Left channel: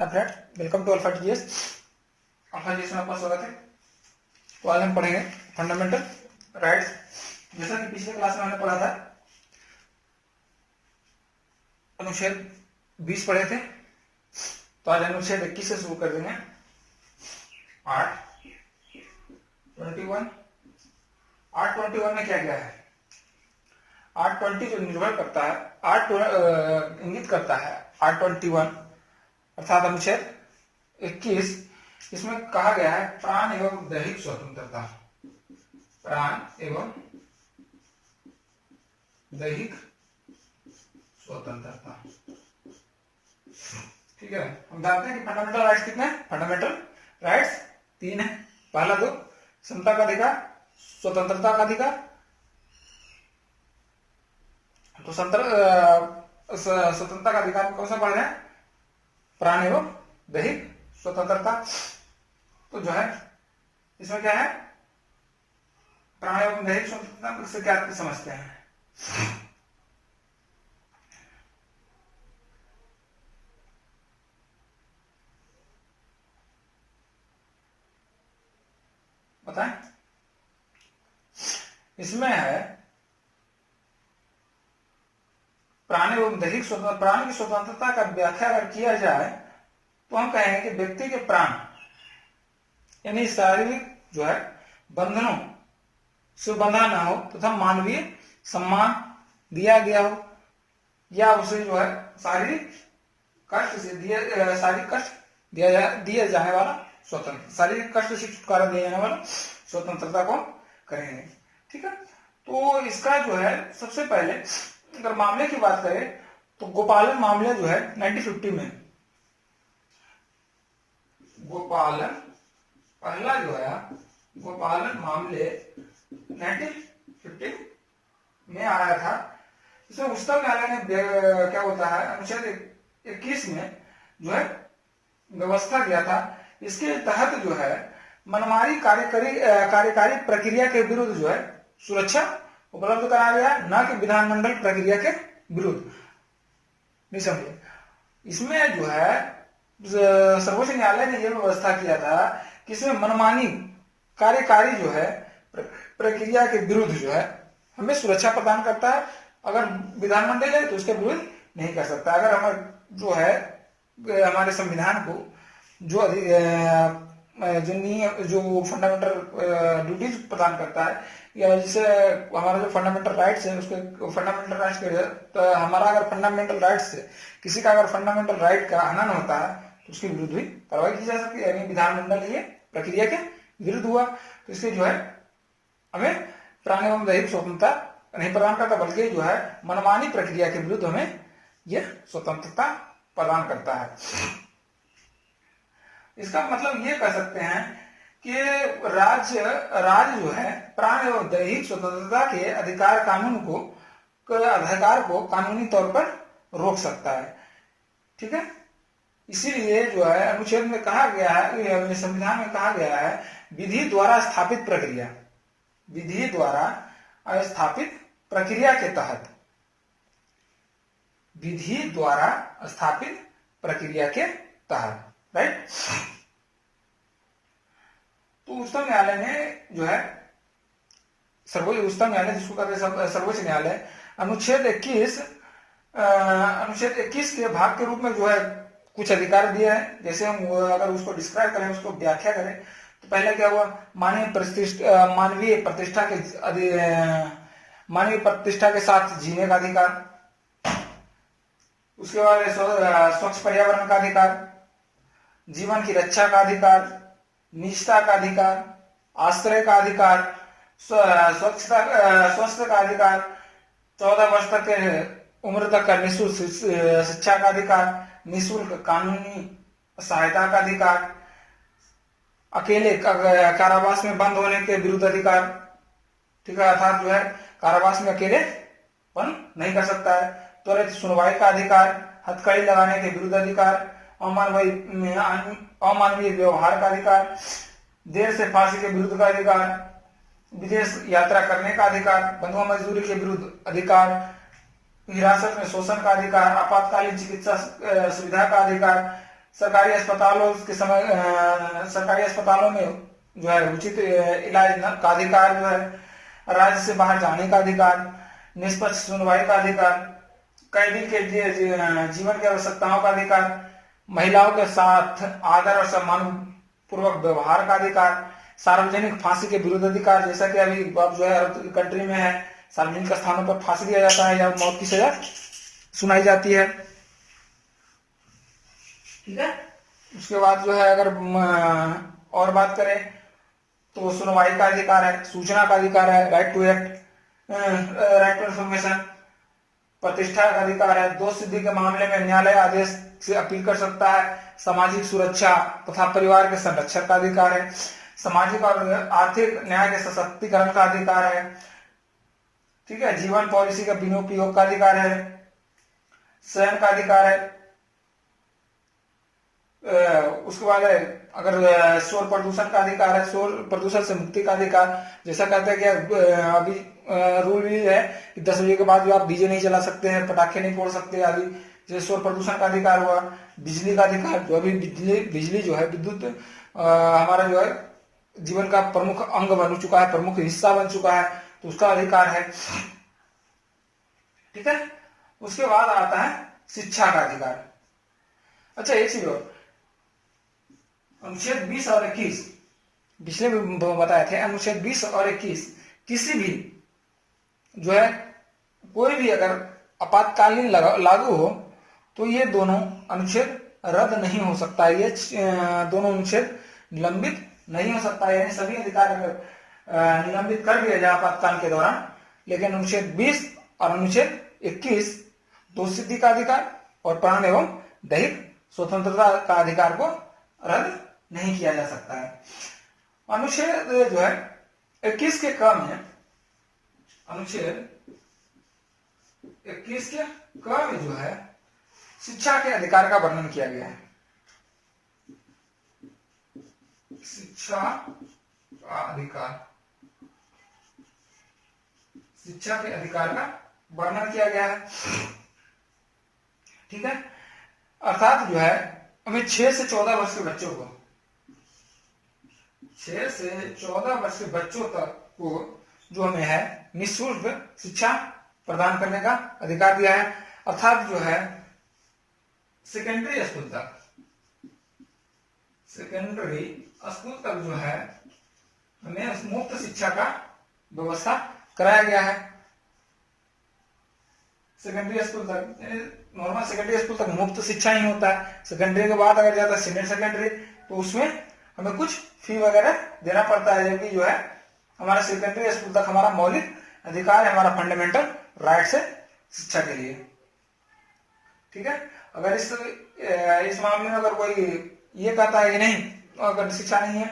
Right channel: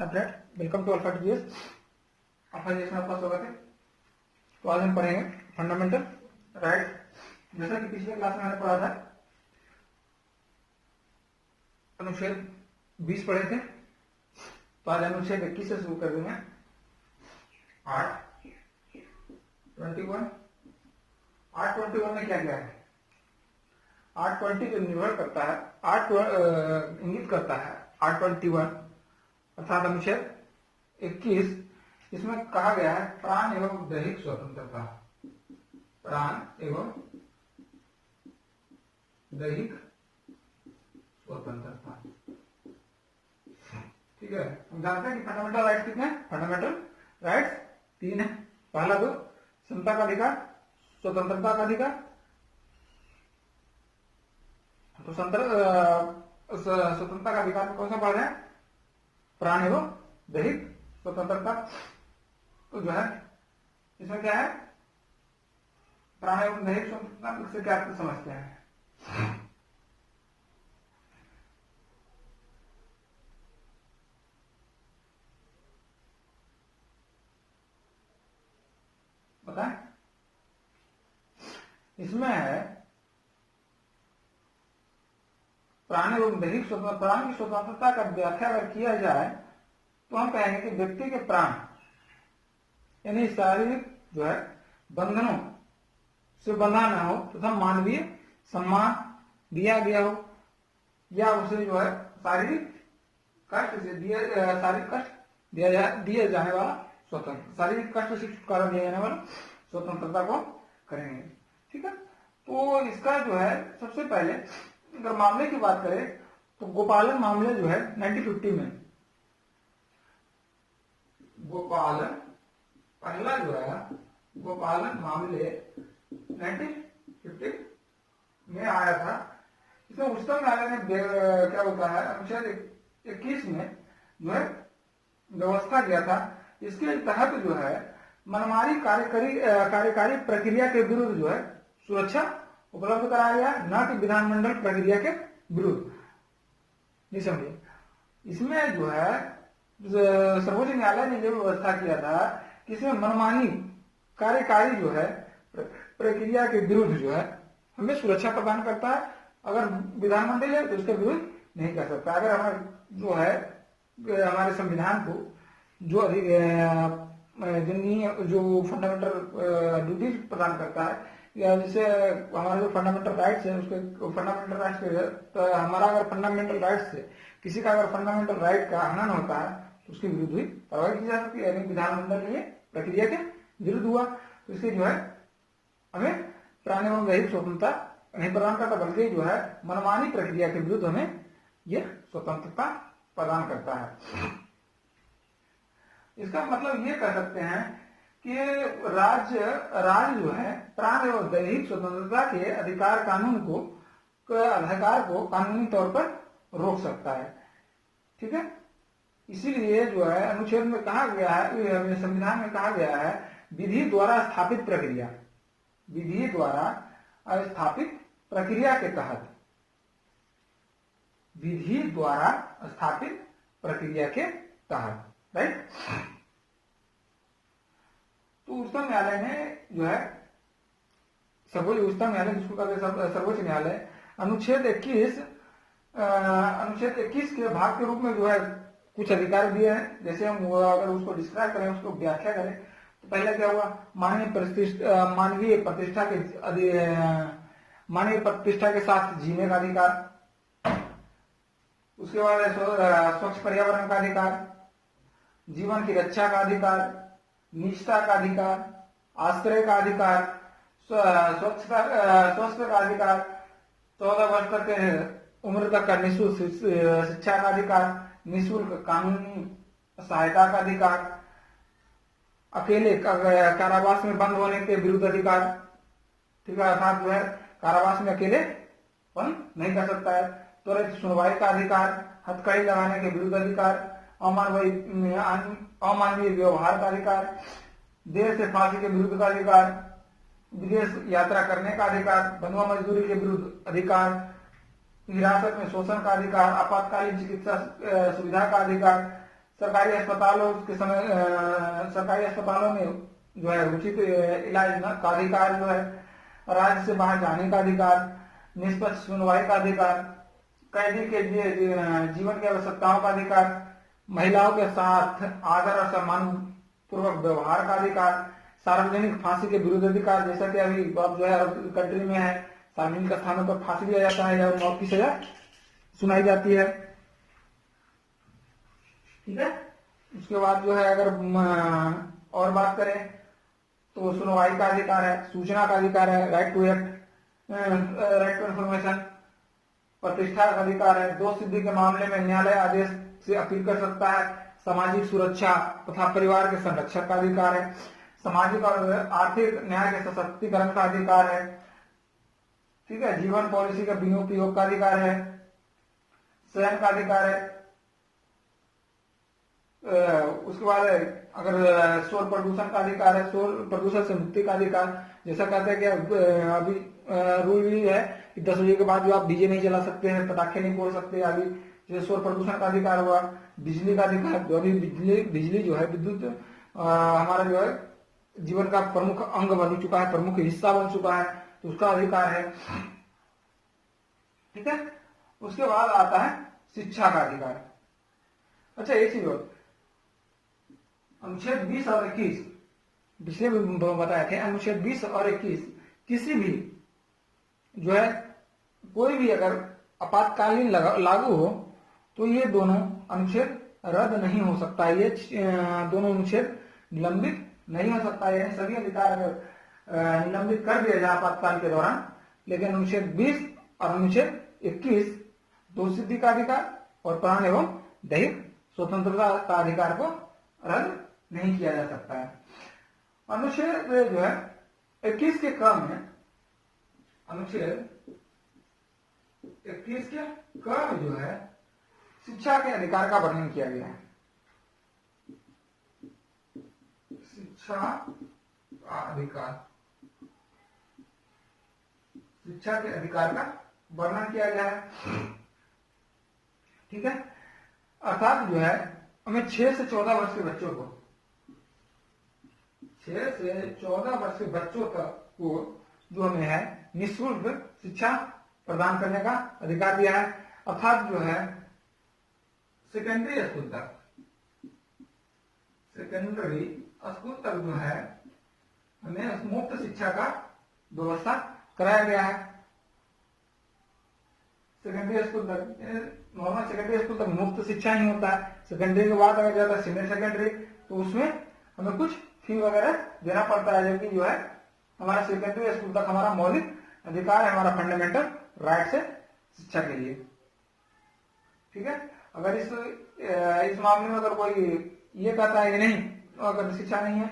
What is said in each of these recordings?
Hi friend, welcome to alpha TGS. Alpha TGS में आपका स्वागत है। तो आज हम पढ़ेंगे फंडामेंटल राइट्स। जैसा कि पिछले क्लास में हमने पढ़ा था, अनुच्छेद 20 पढ़े थे, तो आज अनुच्छेद 21 से शुरू कर देंगे। आर्ट 21 में क्या क्या है? आर्ट 20 जो निर्भर करता है, इंगित करता है आर्ट 21 अर्थात अनुच्छेद 21। इसमें कहा गया है प्राण एवं दैहिक स्वतंत्रता। प्राण एवं दैहिक स्वतंत्रता, ठीक है। हम जानते हैं कि फंडामेंटल राइट्स कितने हैं? फंडामेंटल राइट्स 3 है। पहला तो समता का अधिकार, स्वतंत्रता का अधिकार। तो स्वतंत्रता का अधिकार कौन सा पढ़ रहे हैं? प्राण एवं दैहिक स्वतंत्रता। तो जो है इसमें क्या है? प्राण एवं दैहिक स्वतंत्रता से क्या समझते हैं? बताएं। इसमें है प्राण एवं दैहिक स्वतंत्रता। प्राण की स्वतंत्रता का व्याख्या अगर किया जाए तो हम कहेंगे कि व्यक्ति के प्राण यानी शारीरिक जो है बंधनों से बंधा न हो तथा मानवीय सम्मान दिया गया हो, या उसे जो है शारीरिक कष्ट दिया जाने वाला स्वतंत्र, शारीरिक कष्ट से छुटकारा दिया जाने वाला स्वतंत्रता को करेंगे, ठीक है। तो इसका जो है सबसे पहले अगर मामले की बात करें तो गोपालन मामले जो है 1950 में, गोपालन पहला जो है गोपालन मामले 1950 में आया था। इसमें उच्चतम न्यायालय ने क्या होता है अनुच्छेद 21 में जो है व्यवस्था किया था। इसके तहत जो है मनमानी कार्यकारी प्रक्रिया के विरुद्ध जो है सुरक्षा उपलब्ध कराया गया, न कि विधानमंडल प्रक्रिया के विरुद्ध। नहीं समझे? इसमें जो है सर्वोच्च न्यायालय ने यह व्यवस्था किया था कि इसमें मनमानी कार्यकारी जो है प्रक्रिया के विरुद्ध जो है हमें सुरक्षा प्रदान करता है। अगर विधानमंडल है तो उसके विरुद्ध नहीं कर सकता। अगर हम जो है हमारे संविधान को जो फंडामेंटल ड्यूटीज प्रदान करता है, या जैसे हमारा जो फंडामेंटल राइट्स है उसको फंडामेंटल राइट्स के तो हमारा अगर फंडामेंटल राइट्स से किसी का अगर फंडामेंटल राइट का हनन होता है तो उसके विरुद्ध भी कार्रवाई की जा सकती है। यानी विधानमंडल ये प्रक्रिया के विरुद्ध हुआ तो इसलिए जो है हमें प्राण एवं दैहिक स्वतंत्रता नहीं प्रदान करता, बल्कि जो है मनमानी प्रक्रिया के विरुद्ध हमें यह स्वतंत्रता प्रदान करता है। इसका मतलब ये कह सकते हैं कि राज्य जो है प्राण एवं दैहिक स्वतंत्रता के अधिकार को कानूनी तौर पर रोक सकता है, ठीक है। इसीलिए जो है अनुच्छेद में कहा गया है, संविधान में कहा गया है विधि द्वारा स्थापित प्रक्रिया के तहत, विधि द्वारा स्थापित प्रक्रिया के तहत, राइट। तो उच्चतम न्यायालय ने जो है उच्चतम न्यायालय जिसको कहते हैं सर्वोच्च न्यायालय अनुच्छेद 21 के भाग के रूप में जो है कुछ अधिकार दिए हैं। जैसे हम अगर उसको डिस्क्राइब करें, उसको व्याख्या करें तो पहले क्या हुआ? मानवीय प्रतिष्ठा के साथ जीने का अधिकार, उसके बाद स्वच्छ पर्यावरण का अधिकार, जीवन की रक्षा का अधिकार, निजता का अधिकार, आश्रय का अधिकार, स्वास्थ्य का अधिकार, 14 वर्ष तक उम्र तक का निःशुल्क शिक्षा का अधिकार, निःशुल्क कानूनी सहायता का अधिकार, अकेले कारावास में बंद होने के विरुद्ध अधिकार, ठीक है। अर्थात जो है कारावास में अकेले बंद नहीं कर सकता है। त्वरित सुनवाई का अधिकार, हथकड़ी लगाने के विरुद्ध अधिकार, अमानवीय व्यवहार का अधिकार, देर से फांसी के विरुद्ध का अधिकार, विदेश यात्रा करने का अधिकार, बंधुआ मजदूरी के विरुद्ध अधिकार, हिरासत में शोषण का अधिकार, आपातकालीन चिकित्सा सुविधा का अधिकार, सरकारी अस्पतालों के समय सरकारी अस्पतालों में जो है उचित इलाज का अधिकार जो है, राज्य से बाहर जाने का अधिकार, निष्पक्ष सुनवाई का अधिकार, कैदी के जीवन की आवश्यकताओं का अधिकार, महिलाओं के साथ आदर और सम्मान पूर्वक व्यवहार का अधिकार, सार्वजनिक फांसी के विरुद्ध अधिकार, जैसा कि अभी अब जो है अरब कंट्री में है, सार्वजनिक स्थानों पर फांसी दिया जाता है या मौत की सजा सुनाई जाती है। ठीक है, उसके बाद जो है अगर और बात करें तो सुनवाई का अधिकार है, सूचना का अधिकार है, right to act, right to information, प्रतिष्ठा का अधिकार है, दोष सिद्धि के मामले में न्यायालय आदेश से अपील कर सकता है, सामाजिक सुरक्षा तथा परिवार के संरक्षण का अधिकार है, सामाजिक और आर्थिक न्याय के सशक्तिकरण का अधिकार है। ठीक है, जीवन पॉलिसी का विनियोग का अधिकार है, स्वयं का अधिकार है। उसके बाद अगर शोर प्रदूषण का अधिकार है, शोर प्रदूषण से मुक्ति का अधिकार, जैसा कहता है कि अभी रूल भी है कि 10 बजे के बाद जो आप डीजे नहीं चला सकते हैं, पटाखे नहीं फोड़ सकते आदि, जैसे शोर प्रदूषण का अधिकार हुआ। बिजली का अधिकार, जो अभी बिजली जो है विद्युत हमारा जो है जीवन का प्रमुख अंग बन चुका है, प्रमुख हिस्सा बन चुका है, तो उसका अधिकार है। ठीक है, उसके बाद आता है शिक्षा का अधिकार। अच्छा, एक चीज और, अनुच्छेद 20 और 21 पिछले में बताए थे, अनुच्छेद 20 और 21 किसी भी जो है कोई भी अगर आपातकालीन लागू हो तो ये दोनों अनुच्छेद रद्द नहीं हो सकता, ये दोनों अनुच्छेद निलंबित नहीं हो सकता, यानी सभी अधिकार अगर निलंबित कर दिया जाए आपातकाल के दौरान, लेकिन अनुच्छेद 20 और अनुच्छेद 21 दोष सिद्धि का अधिकार और प्राण एवं दैहिक स्वतंत्रता का अधिकार को रद्द नहीं किया जा सकता है। अनुच्छेद जो है 21 के क में, अनुच्छेद 21 के क में जो है शिक्षा के अधिकार का वर्णन किया गया है। शिक्षा का अधिकार, शिक्षा के अधिकार का वर्णन किया गया है। ठीक है, अर्थात जो है हमें 6 से 14 वर्ष के बच्चों को, 6 से 14 वर्ष के बच्चों तक को जो हमें है निःशुल्क शिक्षा प्रदान करने का अधिकार दिया है। अर्थात जो है सेकेंडरी स्कूल तक, सेकेंडरी स्कूल तक जो है हमें मुफ्त शिक्षा का व्यवस्था कराया गया है। सेकेंडरी स्कूल तक, नॉर्मल सेकेंडरी स्कूल तक मुफ्त शिक्षा ही होता है। सेकेंडरी के बाद अगर जाता है सीनियर सेकेंडरी, तो उसमें हमें कुछ फी वगैरह देना पड़ता है, जबकि जो है हमारा सेकेंडरी स्कूल तक हमारा मौलिक अधिकार है, हमारा फंडामेंटल राइट है शिक्षा के लिए। ठीक है, अगर इस मामले में अगर कोई ये कहता है कि नहीं, अगर शिक्षा नहीं है,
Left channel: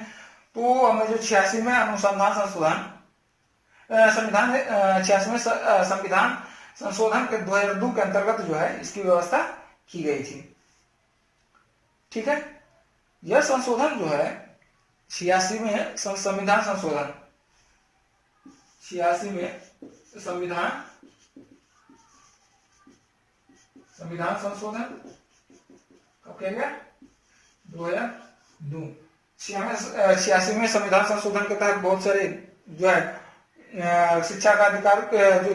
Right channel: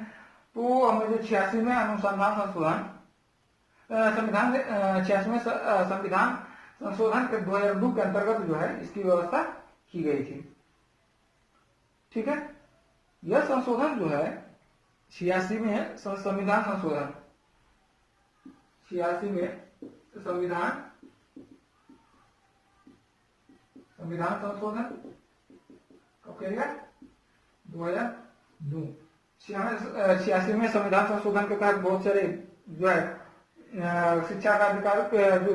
तो हमें जो 86 में अनुसंधान संशोधन संविधान 86 में संविधान संशोधन के 2002 के अंतर्गत जो है इसकी व्यवस्था की गई थी। ठीक है, यह संशोधन जो है 86 में संविधान संशोधन, 86 में संविधान संशोधन कब किया गया? 2002। 86 में संविधान संशोधन के तहत बहुत सारे जो है शिक्षा का अधिकार जो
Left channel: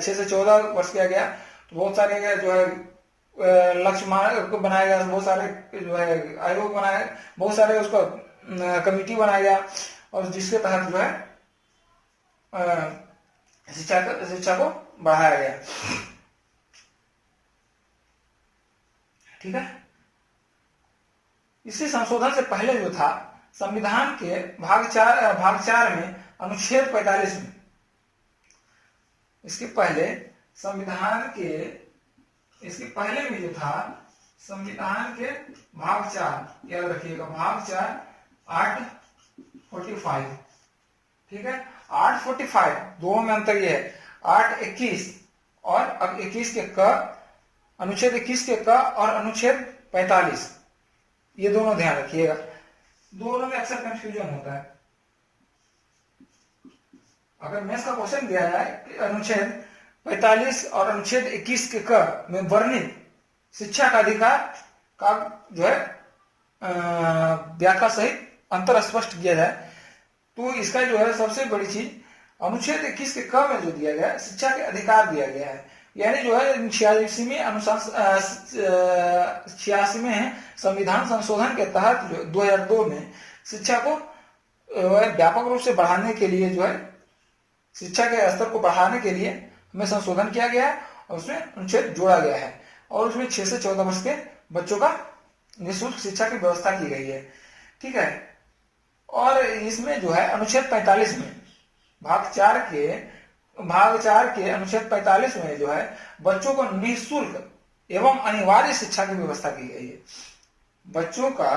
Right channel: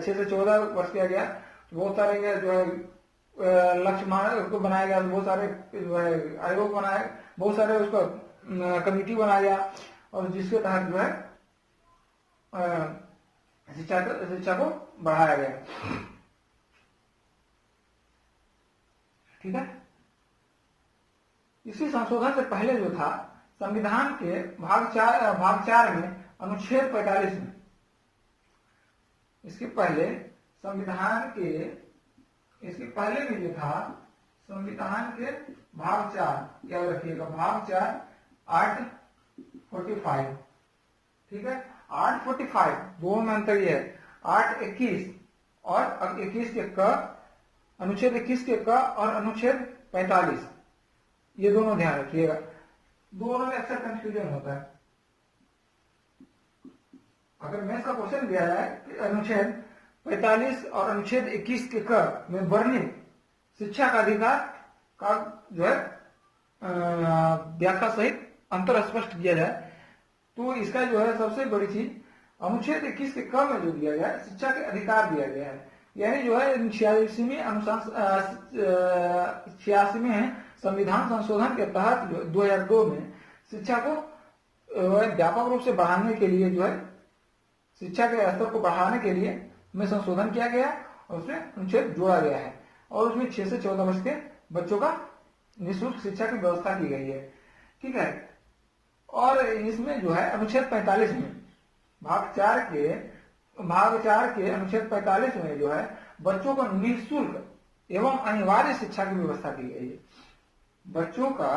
6 से 14 वर्ष किया गया, तो बहुत सारे जो है लक्ष्य बनाया गया, बहुत सारे जो है आयोग बनाए, बहुत सारे उसको कमिटी बनाया गया, और जिसके तहत जो है शिक्षा को बढ़ाया गया। ठीक है, इसी संशोधन से पहले जो था संविधान के भाग 4 में अनुच्छेद 45 में, इसके पहले भी जो था संविधान के भाग 4, याद रखिएगा भाग 4 आर्ट 45। ठीक है, आर्ट 45 दोनों में अंतर ये है, आर्ट 21 और अब 21 के क, अनुच्छेद 21 के क और अनुच्छेद 45, ये दोनों ध्यान रखिएगा, दोनों में अक्सर कंफ्यूजन होता है। अगर मैथ्स का क्वेश्चन दिया है कि अनुच्छेद 45 और अनुच्छेद 21 के क में वर्णित शिक्षा का अधिकार का जो है व्याख्या सहित अंतर स्पष्ट किया जाए तो इसका जो है सबसे बड़ी चीज अनुच्छेद 21 के क में जो दिया गया शिक्षा के अधिकार दिया गया है। यानी जो है 86वें है संविधान संशोधन के तहत जो 2002 में शिक्षा को व्यापक रूप से बढ़ाने के लिए जो है शिक्षा के स्तर को बढ़ाने के लिए हमें संशोधन किया गया है और उसमें अनुच्छेद जोड़ा गया है और उसमें 6 से 14 वर्ष के बच्चों का निःशुल्क शिक्षा की व्यवस्था की गई है। ठीक है, और इसमें जो है अनुच्छेद 45 में भाग 4 के अनुच्छेद 45 में जो है बच्चों को निःशुल्क एवं अनिवार्य शिक्षा की व्यवस्था की गई है। बच्चों का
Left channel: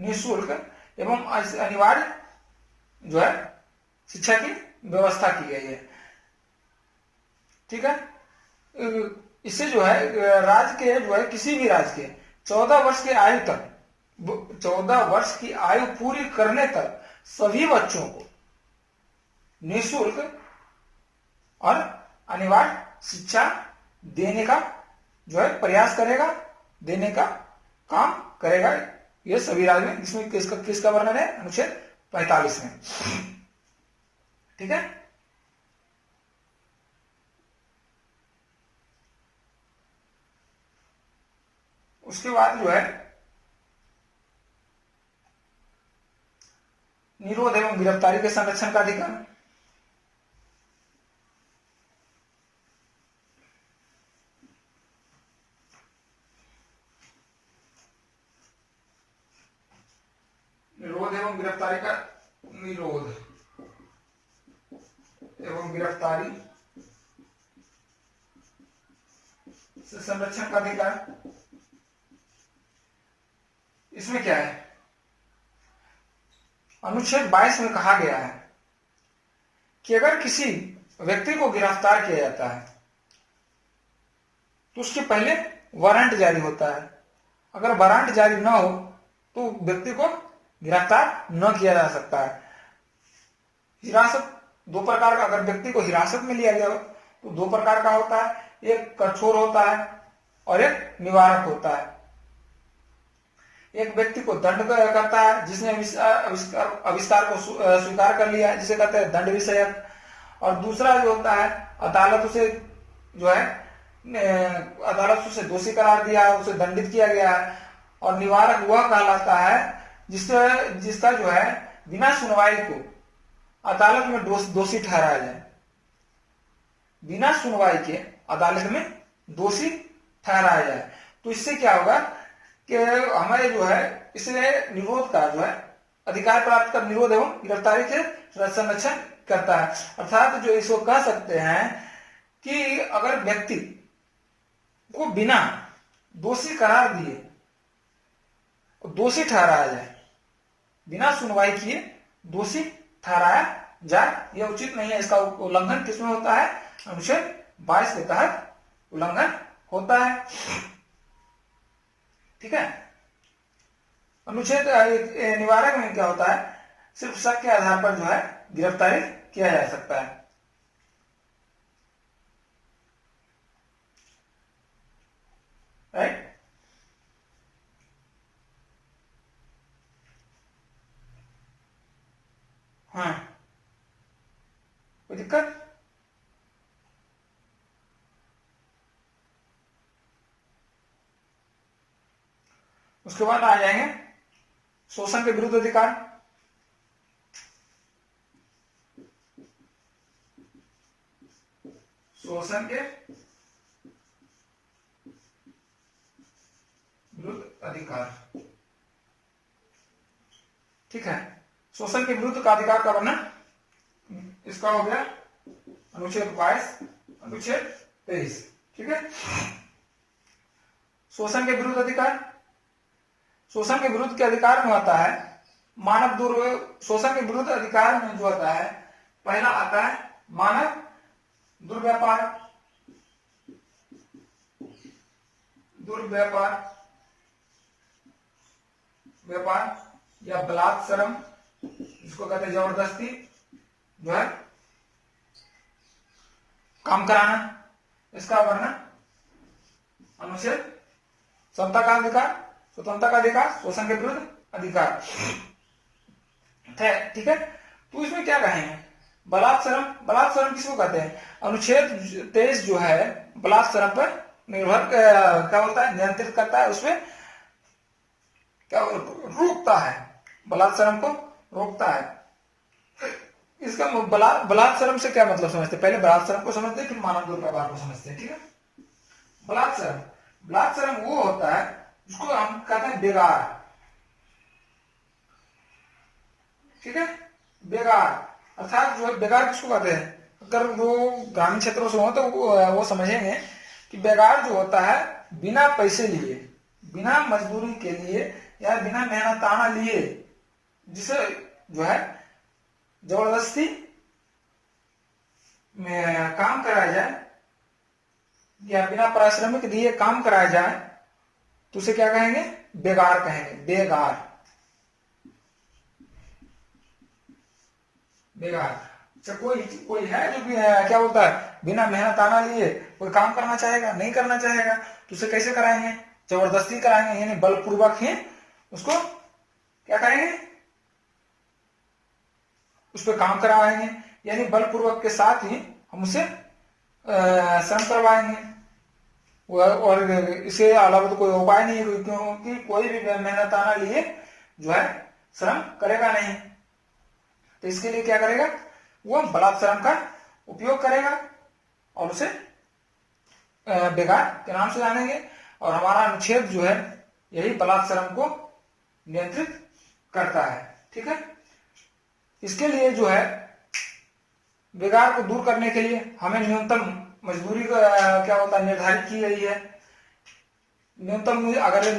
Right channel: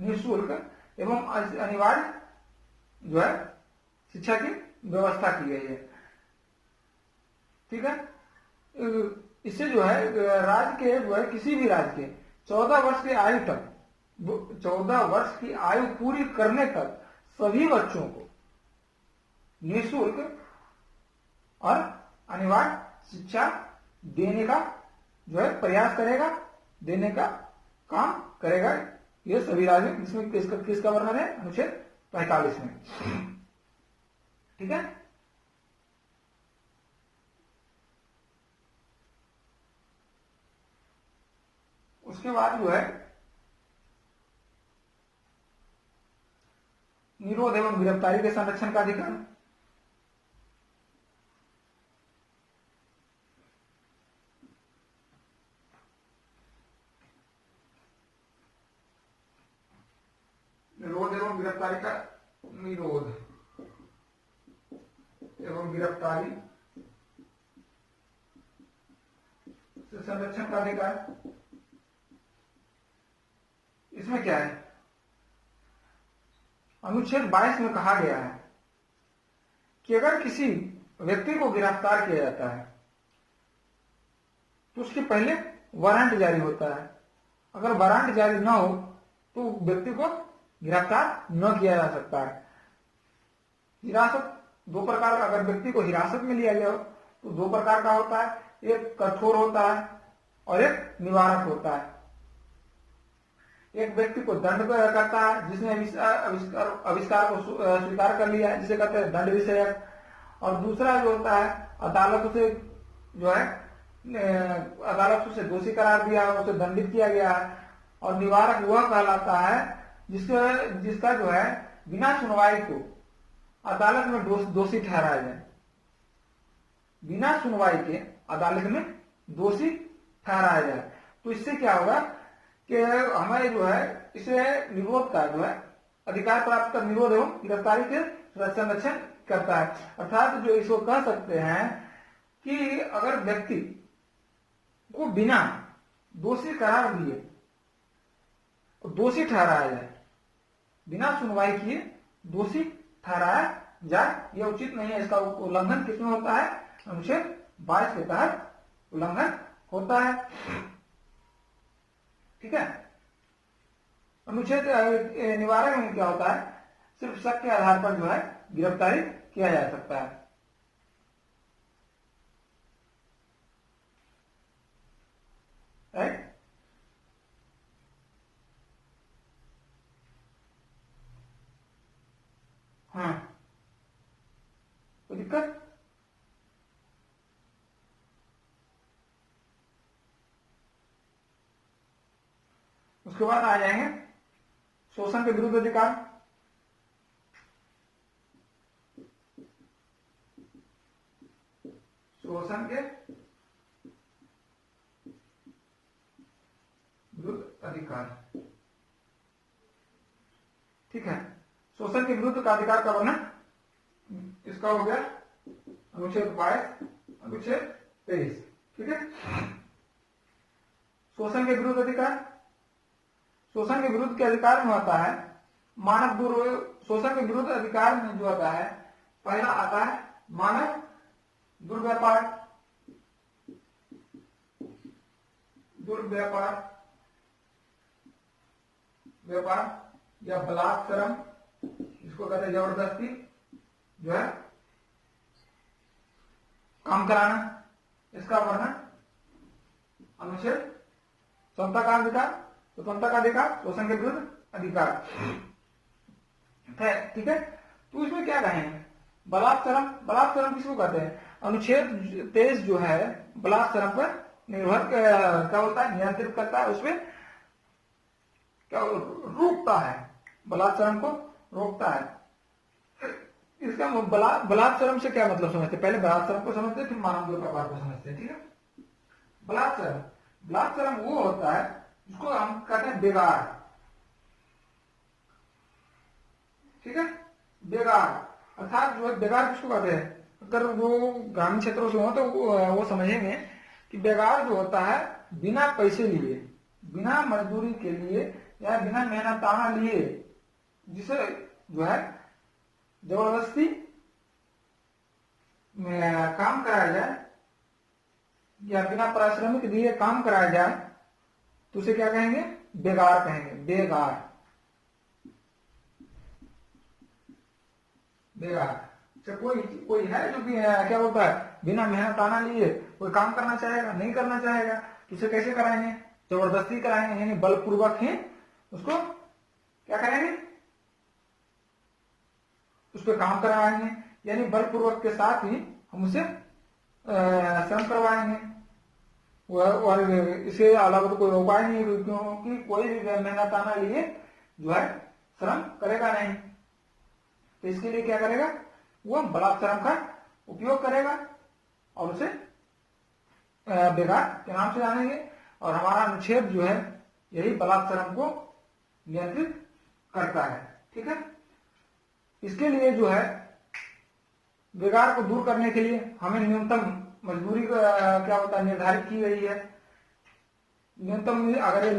निःशुल्क एवं अनिवार्य जो है शिक्षा की व्यवस्था की गई है। ठीक है, इससे जो है राज्य के जो है किसी भी राज्य के 14 वर्ष की आयु तक 14 वर्ष की आयु पूरी करने तक सभी बच्चों को निःशुल्क और अनिवार्य शिक्षा देने का जो है प्रयास करेगा, देने का काम करेगा ये सभी राज्य में। इसमें किसका वर्णन है अनुच्छेद 45 में। ठीक है, उसके बाद जो है निरोध एवं गिरफ्तारी के संरक्षण का अधिकार। निरोध एवं गिरफ्तारी से संरक्षण का अधिकार। इसमें क्या है, अनुच्छेद 22 में कहा गया है कि अगर किसी व्यक्ति को गिरफ्तार किया जाता है तो उसके पहले वारंट जारी होता है। अगर वारंट जारी ना हो तो व्यक्ति को गिरफ्तार न किया जा सकता है। हिरासत दो प्रकार का, अगर व्यक्ति को हिरासत में लिया जाए तो दो प्रकार का होता है, एक कठोर होता है और एक निवारक होता है। एक व्यक्ति को दंड करता है जिसने आविष्कार को स्वीकार कर लिया है, जिसे कहते हैं दंड विषयक, और दूसरा जो होता है अदालत उसे जो है अदालत उसे दोषी करार दिया, उसे दंडित किया गया है। और निवारक वह कहलाता है जिसका जो है बिना सुनवाई को अदालत में दोषी ठहराया जाए, बिना सुनवाई के अदालत में दोषी ठहराया जाए। तो इससे क्या होगा कि हमें जो है इसे निरोध का जो है अधिकार प्राप्त कर निरोध एवं गिरफ्तारी के संरक्षण करता है। अर्थात जो इसको कह सकते हैं कि अगर व्यक्ति को बिना दोषी करार दिए दोषी ठहराया जाए, बिना सुनवाई किए दोषी ठहराया जाए, यह उचित नहीं है। इसका उल्लंघन किसमें होता है, अनुच्छेद 22 के तहत उल्लंघन होता है। ठीक है, अनुच्छेद निवारक में क्या होता है, सिर्फ शक के आधार पर जो है गिरफ्तारी किया जा सकता है। राइट, हाँ, कोई दिक्कत? उसके बाद आ जाएंगे शोषण के विरुद्ध अधिकार। शोषण के विरुद्ध अधिकार। ठीक है, शोषण के विरुद्ध का अधिकार का वर्णन इसका हो गया अनुच्छेद 22, अनुच्छेद 23। ठीक है, शोषण के विरुद्ध अधिकार। शोषण के विरुद्ध के अधिकार में आता है मानव शोषण के विरुद्ध अधिकार में जो आता है, पहला आता है मानव दुर्व्यापार, व्यापार या बलात्सरम, जिसको कहते हैं जबरदस्ती जो है काम कराना। इसका वर्णन अनुच्छेद समता का अधिकार स्वतंत्रता का अधिकार, शोषण के विरुद्ध अधिकार। ठीक है, तो इसमें क्या कहेंगे, बलात्श्रम, बलात्श्रम किसको कहते हैं, अनुच्छेद 23 जो है बलात्श्रम पर निर्भर क्या बोलता है, नियंत्रित करता है, उसमें क्या रोकता है, बलात्श्रम को रोकता है। इसका बलात्श्रम से क्या मतलब समझते हैं, पहले बलात्श्रम को समझते हैं फिर मानव दुर्व्यवहार को समझते हैं। ठीक है, बलात्श्रम, बलात्श्रम वो होता है जिसको हम कहते हैं बेगार। ठीक है, बेगार अर्थात जो है, बेगार किसको कहते हैं, अगर वो ग्रामीण क्षेत्रों से हो तो वो समझेंगे कि बेगार जो होता है बिना पैसे लिए, बिना मजदूरी के लिए या बिना मेहनताना लिए, जिसे जो है जबरदस्ती में काम कराया जाए या बिना पारिश्रमिक दिए काम कराया जाए, तो उसे क्या कहेंगे, बेगार कहेंगे, बेगार, बेगार। अच्छा, कोई है जो भी क्या बोलता है, बिना मेहनताना लिए कोई काम करना चाहेगा, नहीं करना चाहेगा, तो उसे कैसे कराएंगे, जबरदस्ती कराएंगे, यानी बलपूर्वक ही उसको क्या करेंगे, उस पर काम करवाएंगे, यानी बलपूर्वक के साथ ही हम उसे श्रम करवाएंगे। और इसके अलावा तो कोई उपाय नहीं है, क्योंकि कोई भी मेहनताना लिए जो है श्रम करेगा नहीं, तो इसके लिए क्या करेगा, वो बलात्श्रम का उपयोग करेगा और उसे बेगार के नाम से जानेंगे। और हमारा अनुच्छेद जो है यही बलात्श्रम को नियंत्रित करता है। ठीक है, इसके लिए जो है बेगार को दूर करने के लिए हमें न्यूनतम मजदूरी का क्या होता है निर्धारित की गई है। न्यूनतम, अगर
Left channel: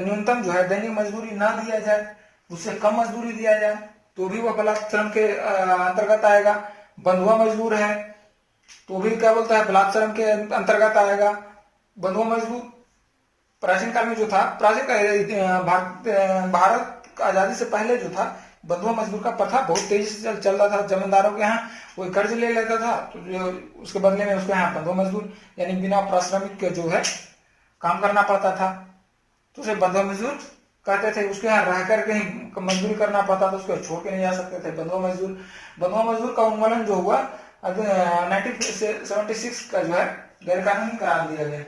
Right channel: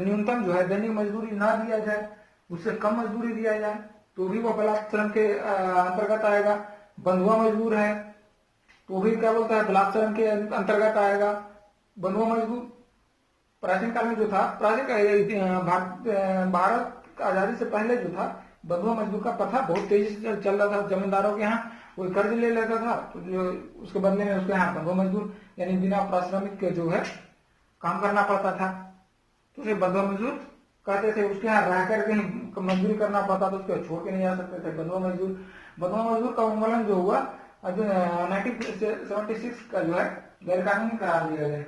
न्यूनतम जो है दैनिक मजदूरी ना दिया जाए, उससे कम मजदूरी दिया जाए तो भी वह बलात्श्रम के अंतर्गत आएगा। बंधुआ मजदूर है तो भी क्या बोलता है, बलात्श्रम के अंतर्गत आएगा। बंधुआ मजदूर प्राचीन काल में जो था, भारत आजादी से पहले जो था, बंधुआ मजदूर का प्रथा बहुत तेजी से चल रहा था। जमींदारों के यहाँ कोई कर्ज ले लेता था तो जो उसके बदले में उसके यहाँ बंधुआ मजदूर, यानी बिना पारिश्रमिक के जो है काम करना पड़ता था, तो उसे बंधुआ मजदूर कहते थे। उसके यहाँ रह कर कहीं मजदूरी करना पड़ता था, उसको छोड़ के नहीं जा सकते थे। बंधुआ मजदूर का उन्मूलन जो हुआ 1976 का जो है गैर कानूनी करार दिया गया।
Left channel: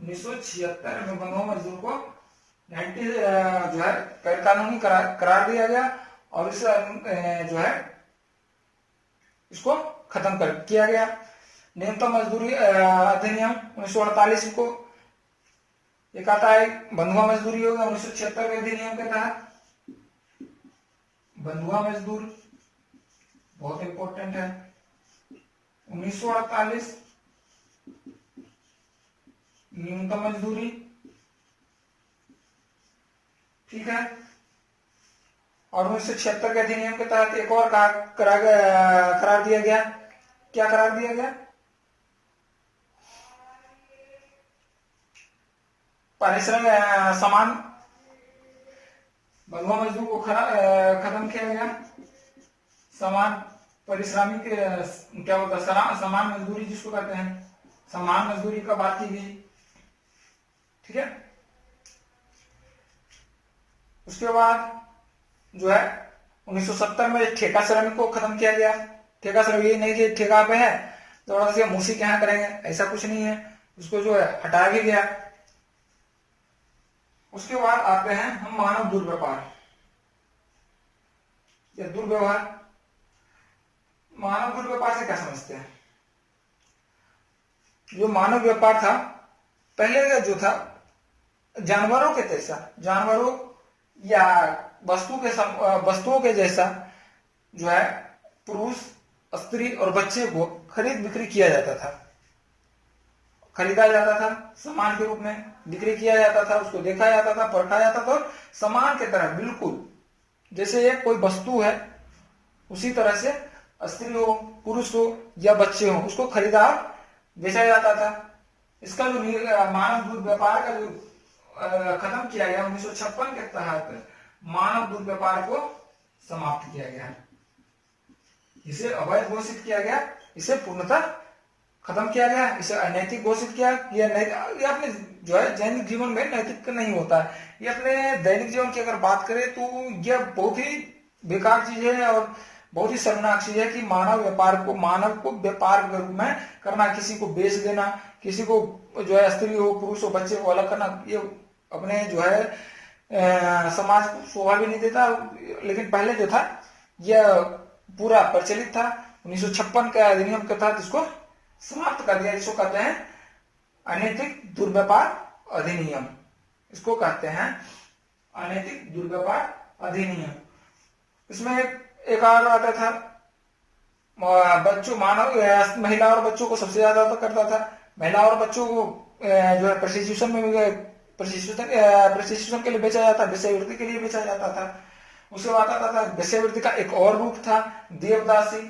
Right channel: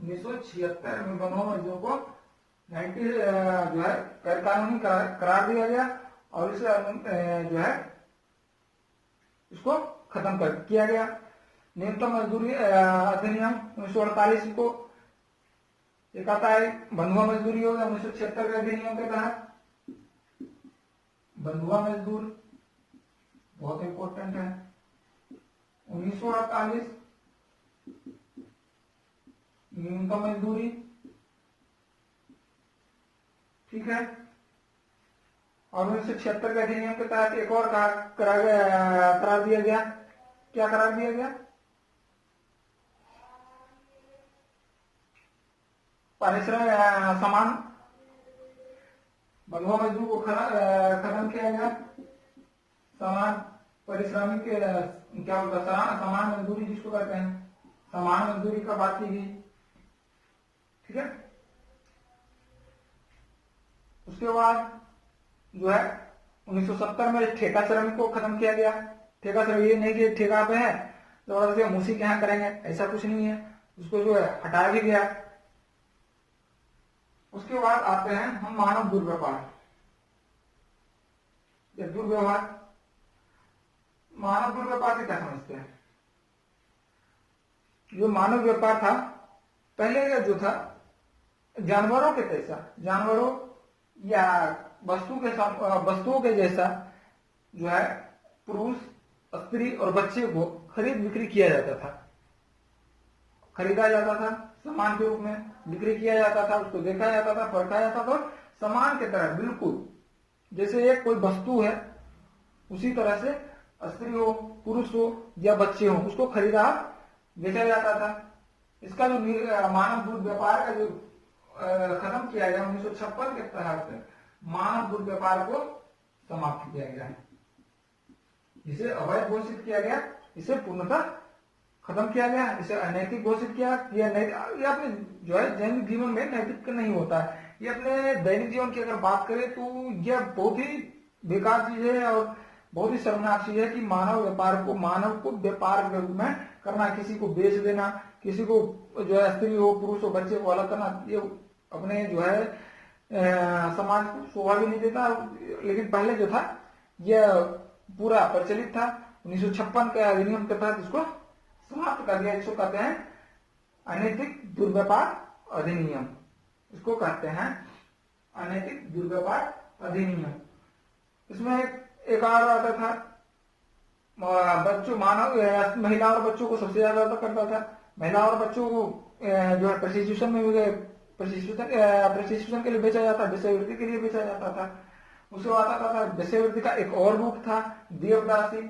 1976 में बंधुआ मजदूर को 90 जो है गैर कानूनी करार दिया गया और इस जो है इसको खत्म किया गया। न्यूनतम मजदूरी अधिनियम 1948 को एक आता है, बंधुआ मजदूरी हो गया 1976 के अधिनियम के तहत। बंधुआ मजदूर बहुत इंपॉर्टेंट है। 1948 न्यूनतम मजदूरी, ठीक है। और 1976 के अधिनियम के तहत एक और करार दिया गया। क्या करार दिया गया? पारिश्रमिक समान, बंधुआ मजदूर को खत्म किया गया। समान पारिश्रमिक क्या होता है, समान मजदूरी जिसको कहते हैं, समान मजदूरी का बात की गई, ठीक है। उसके बाद जो है 1970 में ठेका श्रमिक को खत्म किया गया। ठेका श्रमिक ये नहीं कि ठेका पे है तो हम उसी के यहाँ करेंगे, ऐसा कुछ नहीं है, उसको जो है हटाया भी गया। उसके बाद आते हैं हम मानव दुर्व्यवहार या दुर्व्यवहार। मानव दुर्व्यवहार से क्या समझते हैं? जो मानव व्यापार था पहले का जो था जानवरों के जैसा, जानवरों या वस्तुओं के जैसा जो है पुरुष, स्त्री और बच्चे को खरीद बिक्री किया जाता था, खरीदा जाता था, सामान के रूप में बिक्री किया जाता था, उसको देखा जाता था, परखा जाता था और सामान की तरह बिल्कुल जैसे ये कोई वस्तु है उसी तरह से स्त्री हो, पुरुष हो या बच्चे हो, उसको खरीदा बेचा जाता था। इसका जो मानव दुर्व्यापार का जो खत्म किया गया 1956 के तहत मानव दुर्व्यापार को समाप्त किया गया, इसे अवैध घोषित किया गया, इसे पूर्णतः खत्म किया गया, इसे अनैतिक घोषित किया। ये अपने जो है दैनिक जीवन में नैतिक नहीं होता है। ये अपने दैनिक जीवन की अगर बात करें तो यह बहुत ही बेकार चीज है और बहुत ही शर्मनाक चीज है कि मानव को व्यापार के रूप में करना, किसी को बेच देना, किसी को जो है स्त्री हो पुरुष हो बच्चे को अलग करना, ये अपने जो है समाज को शोभा भी नहीं देता। लेकिन पहले जो था यह पूरा प्रचलित था। 1956 के अधिनियम के तहत इसको समाप्त कर दिया, जिसको कहते हैं अनैतिक दुर्व्यापार अधिनियम। इसको कहते हैं अनैतिक दुर्व्यापार अधिनियम। इसमें एक और आता था, महिला और बच्चों को सबसे ज्यादा करता था। महिला और बच्चों को जो है प्रशिक्षण के लिए बेचा जाता, वेश्यावृत्ति के लिए बेचा जाता था। उसके बाद आता था वेश्यावृत्ति का एक और रूप था देवदासी।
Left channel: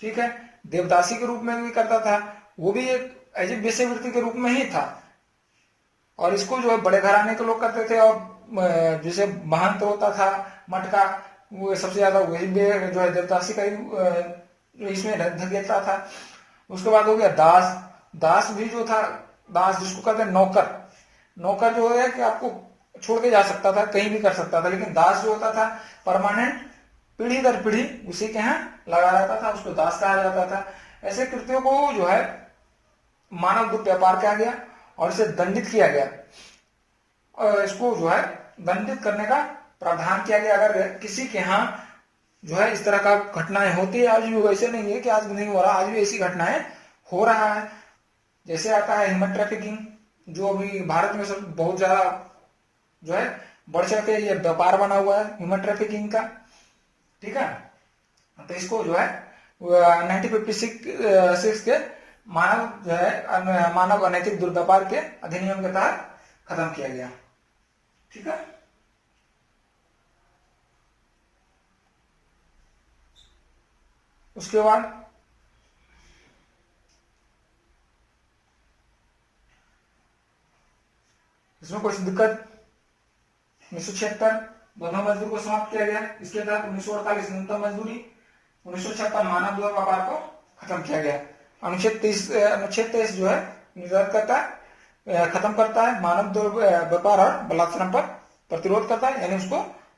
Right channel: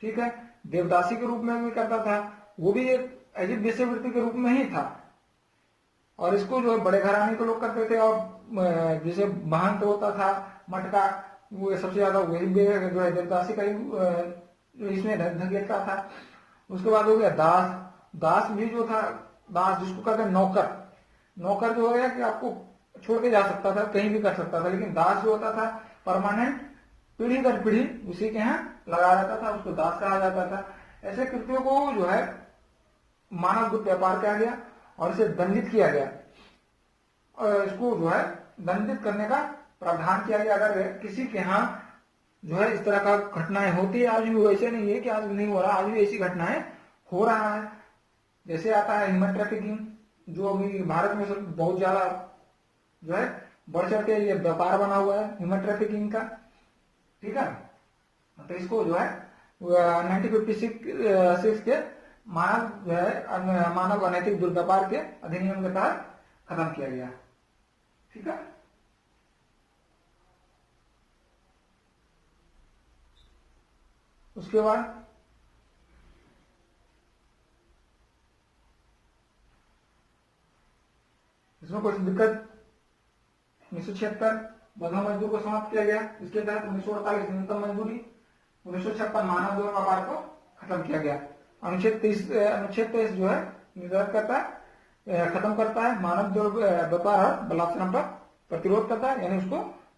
ठीक है, देवदासी के रूप में भी करता था, वो भी एक ऐसी वेश्यावृत्ति के रूप में ही था। और इसको जो है बड़े घराने के लोग करते थे, और जैसे महंत होता था मठ का, वो सबसे ज्यादा वही जो है देवदासी का इसमें धकेलता था। उसके बाद हो गया दास। दास भी जो था, दास जिसको कहते हैं नौकर। नौकर जो है कि आपको छोड़ के जा सकता था, कहीं भी कर सकता था, लेकिन दास जो होता था परमानेंट पीढ़ी दर पीढ़ी उसी के यहाँ लगाया जाता था, उसको दास कहा जाता था। ऐसे कृत्यों को जो है मानव दुर्व्यापार किया गया और इसे दंडित किया गया, और इसको जो है दंडित करने का प्रावधान किया गया। अगर किसी के यहाँ जो है इस तरह का घटनाएं होती है, आज भी वैसे नहीं है कि आज भी नहीं हो रहा, आज भी ऐसी घटनाएं हो रहा है। जैसे आता है ह्यूमन ट्रैफिकिंग, जो अभी भारत में सब बहुत ज्यादा जो है बढ़ चढ़ के ये व्यापार बना हुआ है ह्यूमन ट्रैफिकिंग का। ठीक है, तो इसको जो है 1956 के मानव जो है मानव अनैतिक दुर्व्यापार के अधिनियम के तहत खत्म किया गया। ठीक है, उसके बाद इसमें कुछ दिक्कत 1976 बंधुआ मजदूर को समाप्त किया गया। इसके तहत 1948 न्यूनतम मजदूरी, 1956 मानव दुर्व्यापार को खत्म किया गया। अनुच्छेद 23 जो है निर्धारित करता है, खत्म करता है मानव दुर्व्यापार और बलात्कार पर प्रतिरोध करता है, यानी उसको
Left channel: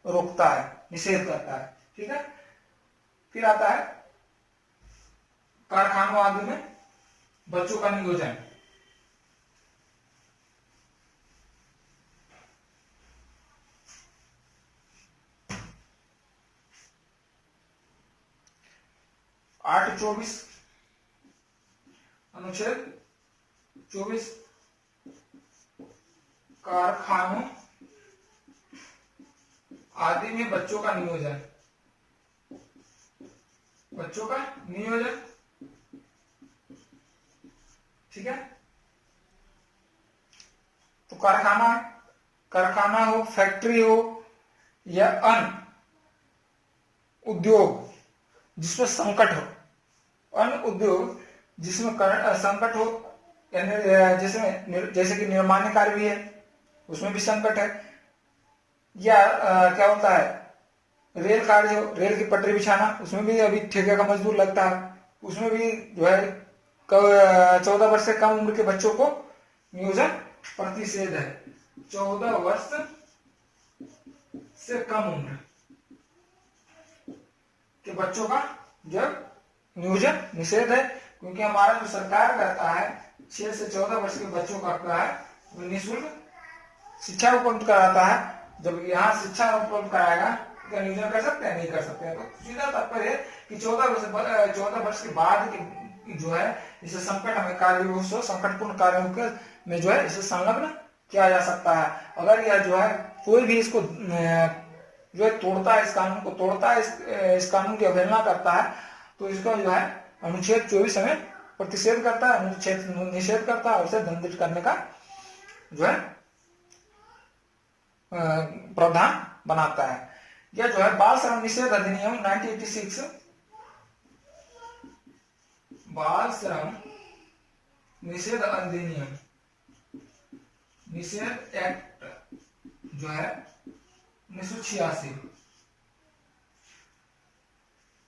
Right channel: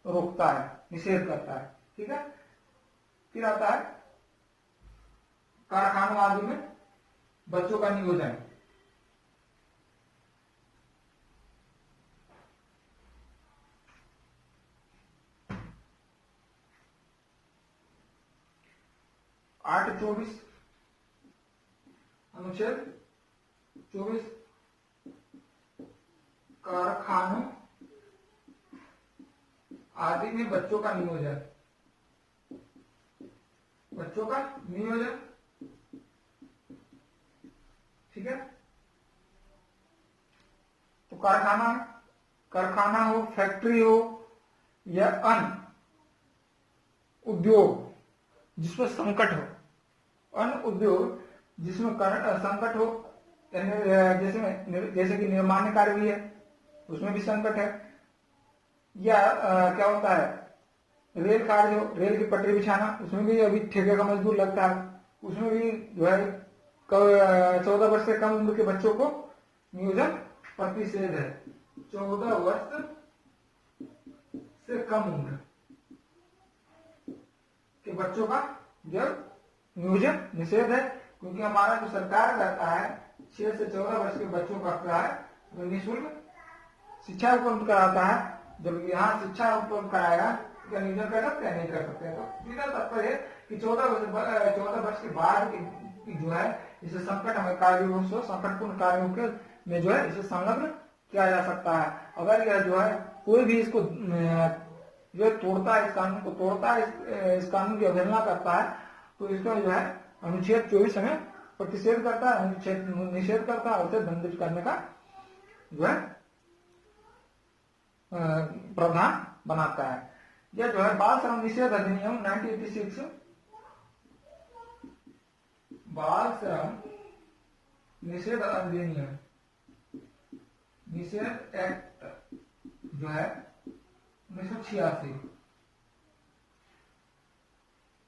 रोकता है, निषेध करता है। ठीक है, फिर आता है कारखानों आदि में बच्चों का नियोजन। अनुच्छेद 24 कारखानों आदि में बच्चों का नियोजन। बच्चों का नियोजन, ठीक है। तो कारखाना हो, फैक्ट्री हो या अन्य उद्योग जिसमें संकट हो, अन्य उद्योग जिसमें संकट हो, जैसे कि निर्माण कार्य भी है, उसमें भी संकट है। या क्या होता है रेल कार्य हो, रेल की पटरी बिछाना, उसमें भी अभी ठेके का मजदूर लगता है, उसमें भी जो है 14 वर्ष से कम उम्र के बच्चों को नियोजन प्रतिषेध है। 14 वर्ष से कम उम्र के बच्चों का जब नियोजन निषेध है, क्योंकि हमारा जो सरकार रहता है 6 से 14 वर्ष के बच्चों का क्या है वो निःशुल्क शिक्षा उपलब्ध कराता है। जब यहाँ शिक्षा उपलब्ध कराएगा तो नियोजन कर सकते हैं, नहीं कर सकते हैं। तो सीधा तात्पर्य है कि 14 वर्ष के बाद जो है इसे संकट में कार्य संकटपूर्ण कार्यों में जो है इसे संलग्न किया जा सकता है। अगर यह जो है कोई भी इसको जो है तोड़ता है, इस कानून को तोड़ता है, इस कानून की अवहेलना करता है, तो इसका जो है अनुच्छेद 24 में प्रतिषेध करता है, अनुच्छेद निषेध करता है और उसे दंडित करने का जो है प्रावधान बनाता है। यह जो है बाल श्रम निषेध अधिनियम 1986, बाल श्रम निषेध अधिनियम, निषेध एक्ट जो है 1986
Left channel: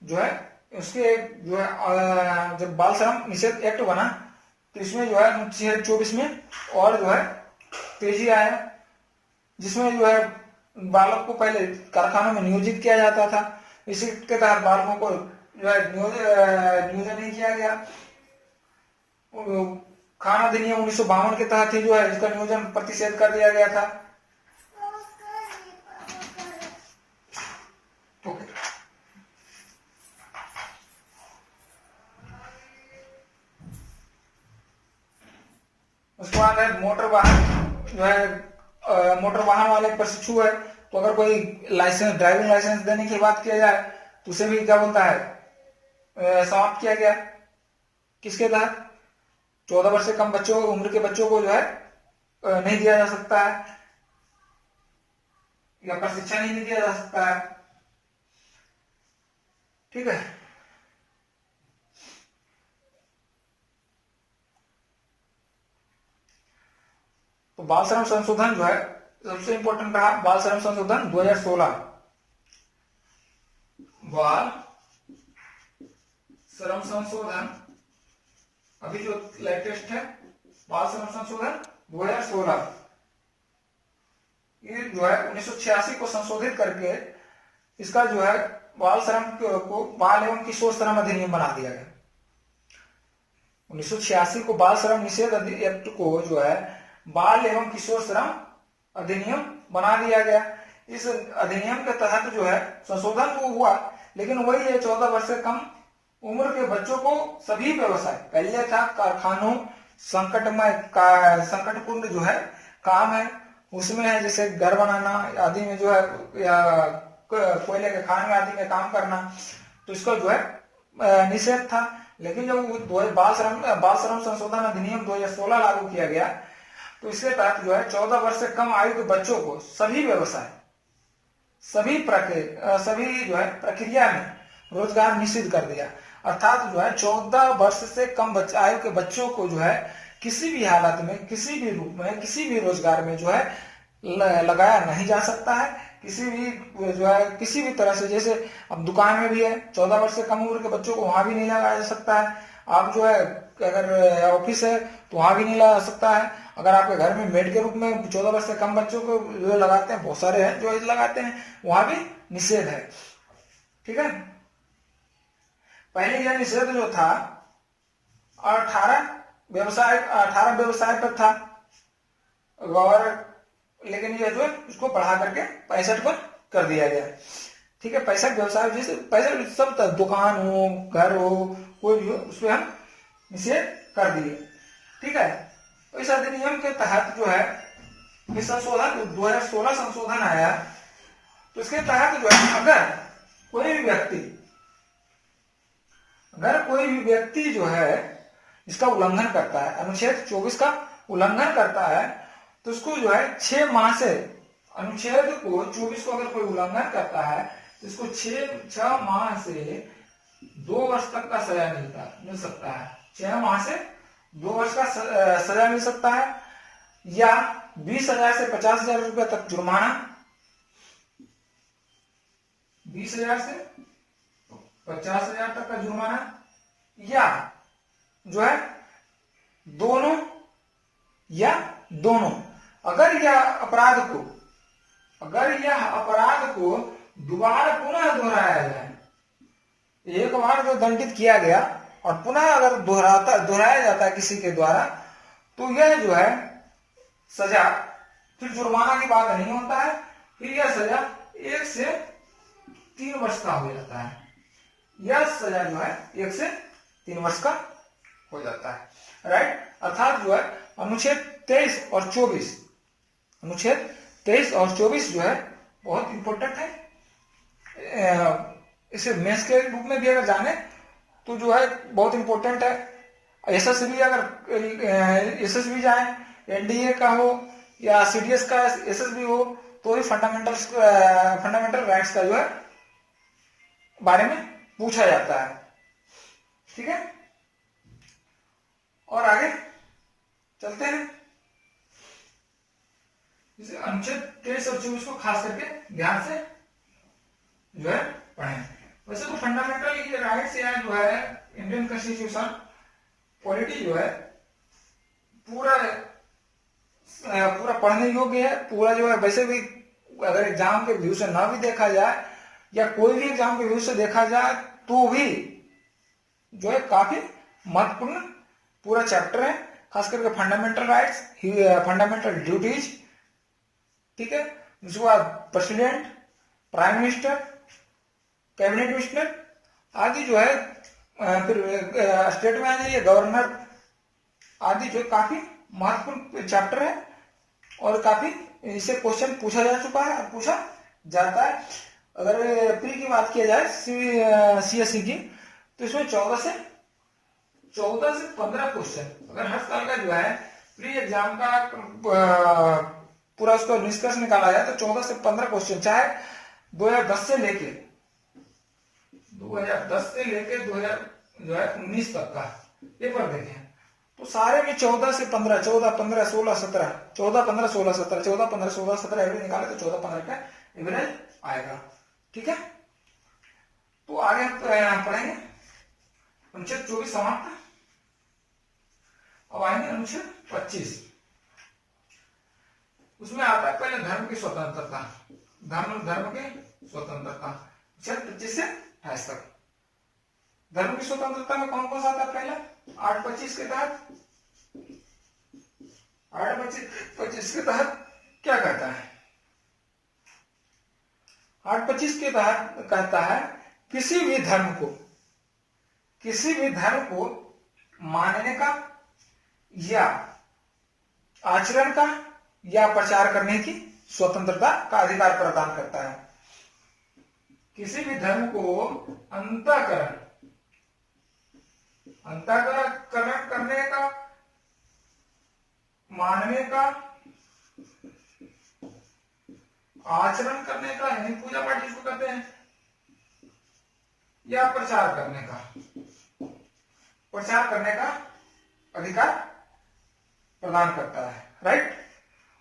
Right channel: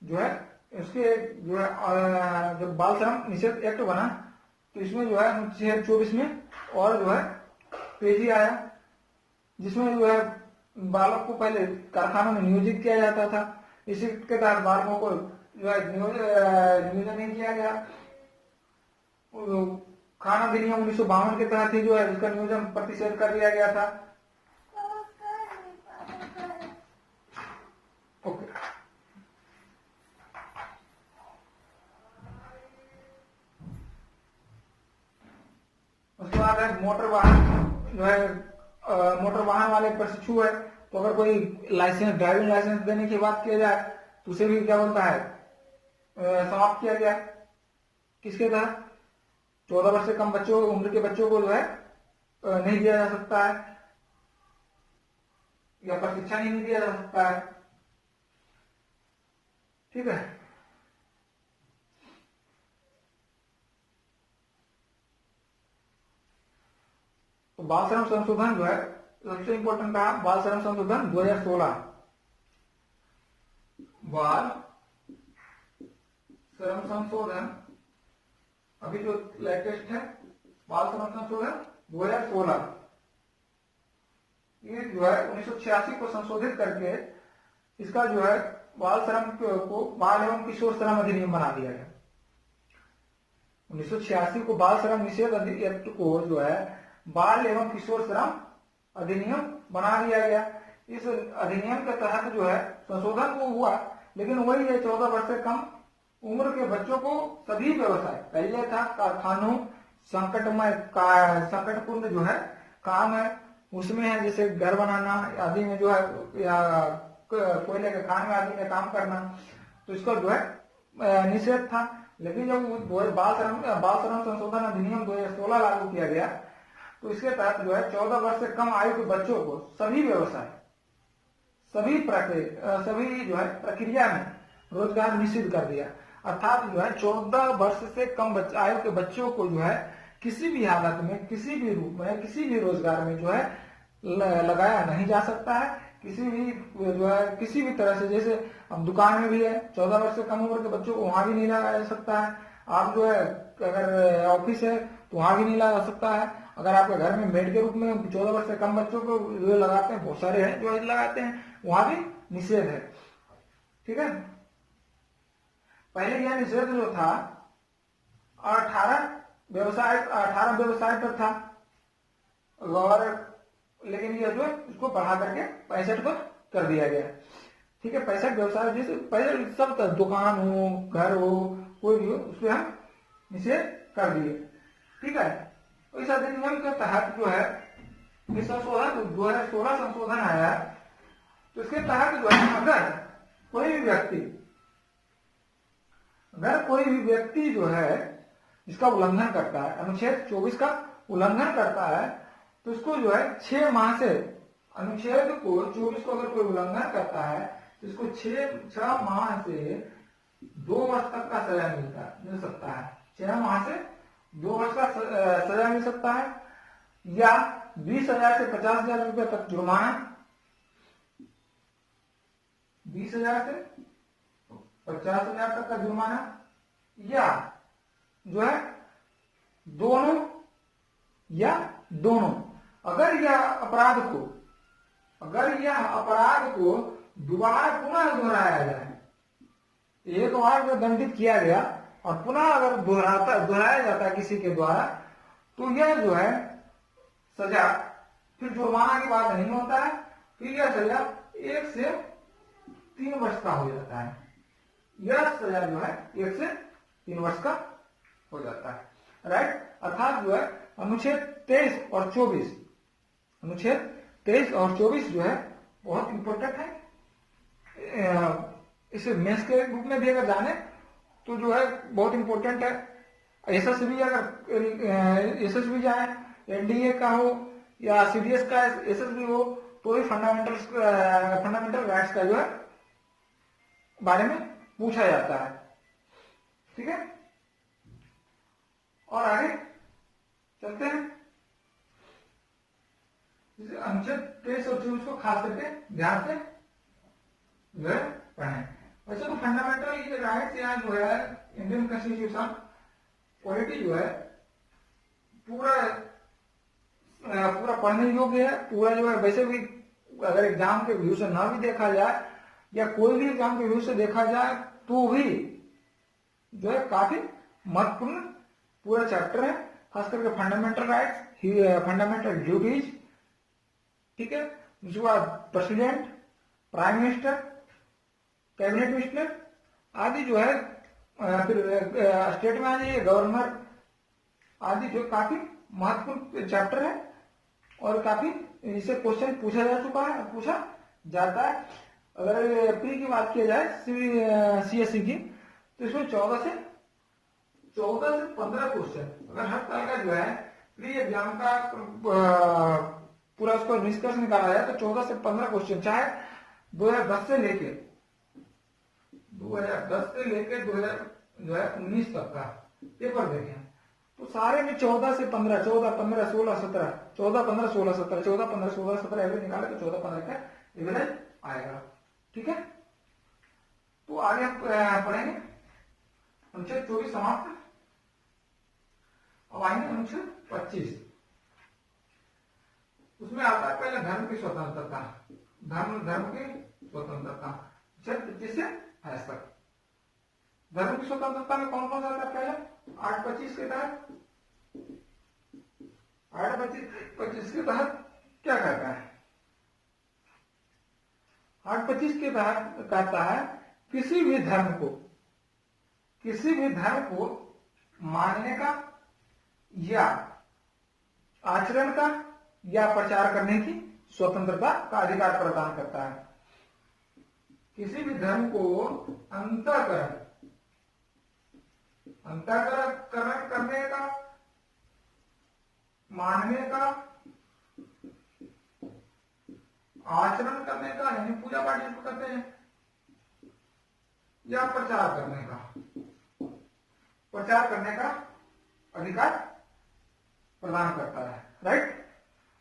जो है उसके जो है जब बाल श्रम निषेध एक्ट बना तो इसमें जो है अनुच्छेद 24 में और जो है तेजी आया, जिसमें जो है बालक को पहले कारखानों में नियोजित किया जाता था, इसी के तहत बालकों को जो है नियोजन नहीं किया गया। खान अधिनियम 1952 के तहत ही जो है इसका नियोजन प्रतिषेध कर दिया गया था। ओके, उसके बाद है मोटर वाहन जो है मोटर वाहन वाले प्रशिक्षु है, तो अगर कोई लाइसेंस ड्राइविंग लाइसेंस देने की बात किया जाए तो उसे भी क्या बोलता है समाप्त किया गया। किसके तहत? 14 वर्ष से कम बच्चों उम्र के बच्चों को जो है नहीं दिया जा सकता है या प्रशिक्षण ही नहीं दिया जा सकता है। ठीक है, तो बाल श्रम संशोधन जो है सबसे इंपॉर्टेंट रहा। बाल श्रम संशोधन 2016, बाल श्रम संशोधन अभी जो लेटेस्ट है बाल श्रम संशोधन 2016, ये जो है 1986 को संशोधित करके इसका जो है बाल श्रम को बाल एवं किशोर श्रम अधिनियम बना दिया गया। 1986 को बाल श्रम निषेध एक्ट को जो है बाल एवं किशोर श्रम अधिनियम बना दिया गया। इस अधिनियम के तहत जो है संशोधन वो हुआ, लेकिन वही है 14 वर्ष से कम उम्र के बच्चों को सभी व्यवसाय, पहले था कारखानों संकटमय संकटपूर्ण जो है काम है उसमें है, जैसे घर बनाना आदि में जो है या कोयले के खान आदि में काम करना, तो इसका जो है निषेध था। लेकिन जब बाल श्रम संशोधन अधिनियम 2016 लागू किया गया तो इसके तहत जो है 14 वर्ष से कम आयु के बच्चों को सभी व्यवसाय सभी जो है प्रक्रिया में रोजगार निश्चित कर दिया। अर्थात जो है 14 वर्ष से कम आयु के बच्चों को जो है किसी भी हालत में किसी भी रूप में किसी भी रोजगार में जो है लगाया नहीं जा सकता है। किसी भी जो है किसी भी तरह से, जैसे अब दुकान में भी है 14 वर्ष से कम उम्र के बच्चों को वहां भी नहीं लगाया जा सकता है। आप जो है अगर ऑफिस है तो वहां भी नहीं लगा सकता है। अगर आपके घर में मेड के रूप में 14 वर्ष से कम बच्चों को जो लगाते हैं, बहुत सारे हैं जो लगाते हैं, वहां भी निषेध है। ठीक है, पहले यह निषेध जो था 18 व्यवसाय पर था, और लेकिन ये जो उसको बढ़ा करके 65 पर कर दिया गया। ठीक है, 65 व्यवसाय जैसे पहले सब था, दुकान हो घर हो कोई भी हो, उसमें हम निषेध कर दिए। ठीक है, तो इस अधिनियम के तहत जो है इस संशोधन 2016 संशोधन आया, तो इसके तहत जो है अगर कोई भी व्यक्ति जो है इसका उल्लंघन करता है, अनुच्छेद 24 का उल्लंघन करता है, तो उसको जो है 6 माह से, अनुच्छेद को 24 को अगर कोई उल्लंघन करता है तो इसको 6 माह से 2 वर्ष तक का सजा मिल सकता है। 6 माह से 2 वर्ष का सजा मिल सकता है, या 20,000 से 50,000 रुपए तक जुर्माना, 20,000 से 50,000 तक का जुर्माना, या जो है दोनों अगर यह अपराध को दोबारा पुनः दोहराया जाए, एक बार जो दंडित किया गया और पुनः अगर दोहराया जाता है किसी के द्वारा, तो यह जो है सजा फिर जुर्माना की बात नहीं होता है, फिर यह सजा 1 से 3 वर्ष का हो जाता है। यह सजा जो है 1 से 3 वर्ष का हो जाता है। राइट, अर्थात जो है अनुच्छेद 23 और 24 जो है बहुत इंपॉर्टेंट है। इसे मेंस के रूप में भी अगर जाने तो जो है बहुत इंपॉर्टेंट है। एसएसबी अगर एसएसबी जाए, एनडीए का हो या सीडीएस का एसएसबी हो, तो ही फंडामेंटल राइट्स का जो है बारे में पूछा जाता है। ठीक है, और आगे चलते हैं। इसे अनुच्छेद 23 और 24 को खास करके ध्यान से जो है पढ़ें। वैसे तो फंडामेंटल ये राइट्स यहाँ जो है इंडियन कॉन्स्टिट्यूशन पॉलिटी जो है पूरा पूरा पढ़ने योग्य है, पूरा जो है। वैसे भी अगर एग्जाम के व्यू से ना भी देखा जाए या कोई भी एग्जाम के व्यू से देखा जाए तो भी जो है काफी महत्वपूर्ण पूरा चैप्टर है, खास करके फंडामेंटल राइट्स, फंडामेंटल ड्यूटीज, ठीक है। उसके बाद president, prime minister, cabinet minister आदि जो है, फिर स्टेट में आ जाइए गवर्नर आदि, जो काफी महत्वपूर्ण चैप्टर है और काफी इससे क्वेश्चन पूछा जा चुका है, पूछा जाता है। अगर प्री की बात किया जाए सीएससी की, तो इसमें 14 से 15 क्वेश्चन अगर हर साल का जो है प्री एग्जाम का पूरा उसका निष्कर्ष निकाला जाए तो 14 से 15 क्वेश्चन, चाहे 2010 से लेके 2019 तक का पेपर देखें तो सारे में 14 से 15, 14, 15, 16, 17, 14, 15, 16, 17, 14, 15, 16, 17 एवरेज निकाले तो 14, 15 का एवरेज आएगा, ठीक है। तो आगे हम पढ़ेंगे अनुच्छेद 24 समाप्त। अब आएंगे अनुच्छेद 25। उसमें आता है पहले धर्म की स्वतंत्रता, धर्म की स्वतंत्रता, अनुच्छेद 25 से 28 तक। धर्म की स्वतंत्रता में कौन कौन सा आता है? पहले 825 के तहत, 825 के तहत क्या कहता है? 825 के तहत कहता है किसी भी धर्म को मानने का या आचरण का या प्रचार करने की स्वतंत्रता का अधिकार प्रदान करता है। किसी भी धर्म को अंतःकरण करने का, मानने का, आचरण करने का यानी पूजा पाठ जिसको कहते हैं, या प्रचार करने का अधिकार प्रदान करता है, राइट।